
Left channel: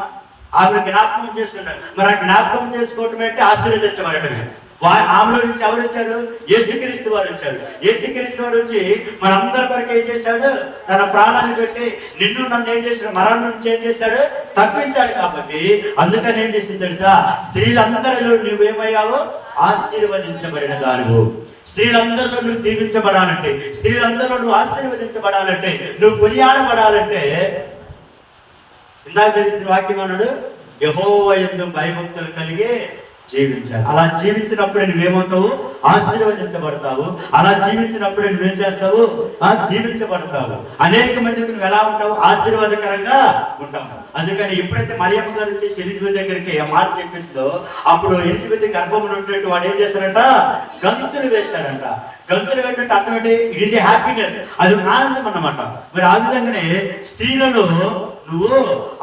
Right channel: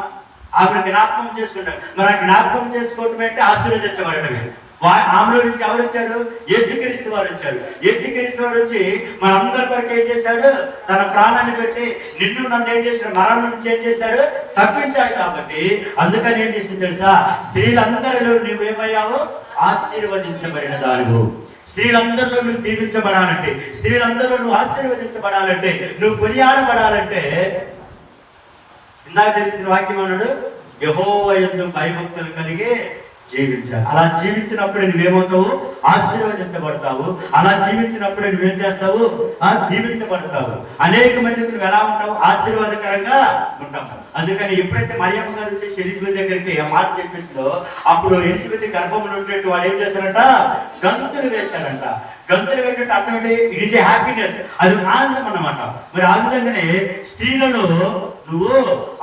ఆవిడ జ్ఞాపకం చేసుకుంటారు. మరి ఆ జ్ఞాపకం చేసుకోవటం అంటే ఆశీర్వదించబడటమే. ఆమెలో నుంచి ఎవరు వచ్చారు? యేసుక్రీస్తు వారు వచ్చారు. యేసుక్రీస్తు వారు వచ్చి మనందరి కొరకు ఏం చేశాడు? తన ప్రాణాన్ని పెట్టి నిన్ను నన్ను ఏం చేశాడు? మరణం నుంచి ఏం చేశాడు? తప్పించాడు. కాబట్టి అందుకని ఏం చేసింది తెలుసా? స్త్రీలందరిలో నువ్వేమయ్యావు? ఆశీర్వదించబడిన దానివు. స్త్రీలందరిలో నువ్వు దీవించబడాలంటే, స్త్రీలందరిలో నువ్వు ఆశీర్వదించబడాలంటే, నువ్వు కొనియాడబడాలంటే ఇందాక చదివించిన వాక్యం అన్నాడు, యెహోవా యందు భయభక్తులు కలిగి జీవించాలి. అలా జీవించినప్పుడే నువ్వేమవుతావు? ఆశీర్వదించబడతావు. అలా జీవించినప్పుడే నువ్వేం చేస్తావు? దీవించబడతావు. అనేక మందికి నువ్వు ఎలా ఉంటావు? ఆశీర్వాదకరంగా ఉంటావు. అందుకని ఎప్పుడైతే మరియమ్మ గారు వచ్చేసి ఎలిజబెత్ దగ్గరికి ఆ మాట చెప్పేసిందో, అప్పుడు ఎలిజబెత్ గర్భంలో ఉన్నట్టు వాడు ఏం చేశారంట? గంతులు వేశారంట. గంతులు వేసినట్టు అర్థం ఏంటి? It is a happiness. అది ఆనందం అన్నమాట. మరి ఆ విధంగానే స్త్రీలలో నువ్వు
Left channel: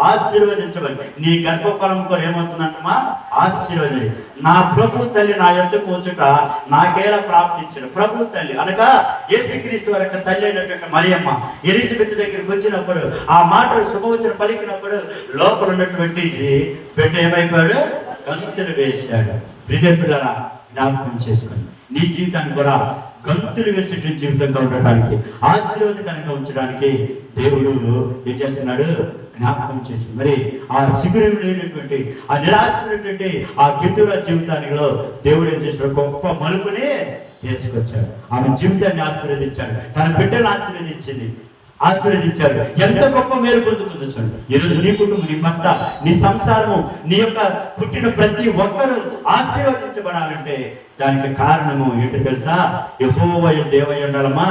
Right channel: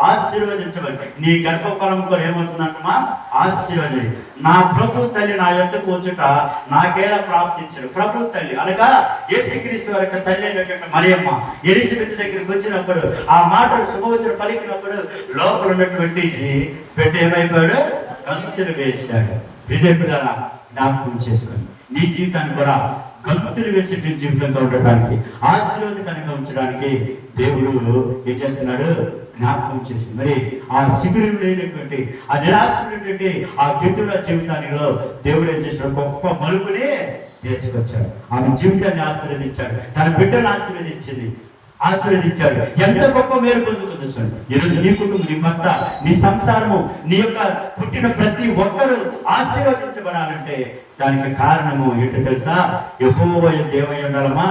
ఆశీర్వదించబడి, నీ గర్భఫలం కూడా ఏమవుతుందంటమ్మా? ఆశీర్వది. నా ప్రభు తల్లి నా యొద్ద కూర్చుట నాకేలా ప్రాప్తించిన. ప్రభు తల్లి అనగా యేసుక్రీస్తు వారి తల్లి అయినటువంటి మరియమ్మ ఎలిజబెత్ దగ్గరికి వచ్చినప్పుడు, ఆ మాటలు శుభవచనం పలికినప్పుడు లోపల ఉన్నటువంటి బిడ్డ ఏమైపోయాడు? గంతులు వేశాడు. విద్యార్థులారా జ్ఞాపకం చేసుకోండి, నీ జీవితాన్ని కూడా గంతులు వేసేటువంటి జీవితంగా ఉండడానికి, ఆశీర్వాదకరంగా ఉంచడానికి దేవుడు ఏం చేస్తున్నాడు? జ్ఞాపకం చేసి మరి ఆ శిబిరం లేనటువంటి, ఆ నిరాశమైనటువంటి ఆ కెతూరా జీవితానిలో దేవుడు ఏం చేసిన గొప్ప మలుపుని తీసుకొచ్చాడు. ఆమె జీవితాన్ని ఆశీర్వదించాడు. తన బిడ్డను ఆశీర్వదించాడు. ఎంత గొప్ప మేలు పొందుతుందో చూడండి. ఈరోజు నీ కుటుంబం, నీ భర్త, నీ సంసారము, నీ యొక్క పుట్టిన ప్రతి ఒక్కరూ ఆశీర్వదించబడాలంటే దానికి కారణము ఏంటో తెలుసా? యెహోవా దేవయ్య ఉండాలమ్మా.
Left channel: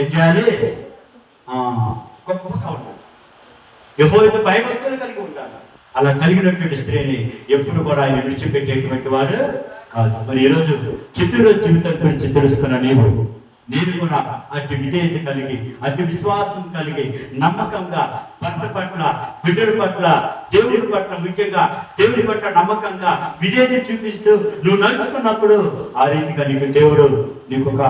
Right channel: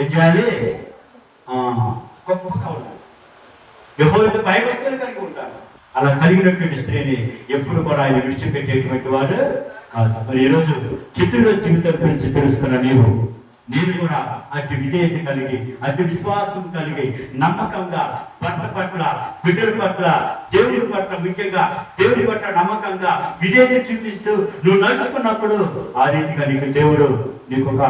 ఏం చేయాలి? గొప్పగా ఉండాలి. యెహోవాతో భయభక్తులు కలిగి ఉంటాడు. అలా కలిగినటువంటి స్త్రీని ఎప్పుడు కూడా ఆయన విడిచిపెట్టేటువంటి వాడు కాదు. మరి ఈరోజు కెతూరా జీవితం గురించి తెలుసుకున్న నేను కూడా అతి విధేయత కలిగి, అతి విశ్వాసం కలిగి, నమ్మకంగా భర్త పట్ల, బిడ్డల పట్ల, దేవుడి పట్ల, ముఖ్యంగా దేవుడి పట్ల నమ్మకంగా విధేయత చూపిస్తూ నువ్వు నడుచుకున్నప్పుడు ఆ రీతిగా నీకు దేవుడు నీకు ఒక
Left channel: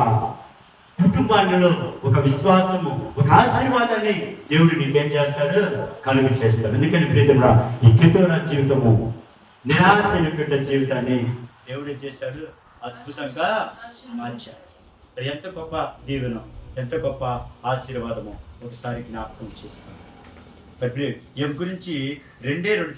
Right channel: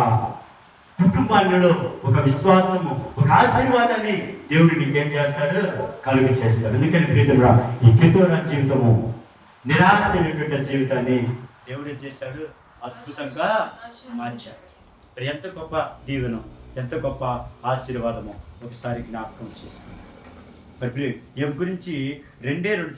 కుటుంబాల్లో ఒక విశ్వాసము, ఒక ఆశీర్వాదాన్ని దేవుడు నీకేం చేస్తాడు? కలుగు చేస్తాడు. అందుకని ప్రియతరా, ఈ కెతూరా జీవితము నిరాశైనటువంటి జీవితాన్ని దేవుడు ఏం చేశాడు? అద్భుతంగా మార్చాడు. మరి ఎంత గొప్ప దీవెన, ఎంత గొప్ప ఆశీర్వాదము ఒకసారి జ్ఞాపకం చేసుకోండి. మరి ఏం గురించి 2 చోట్ల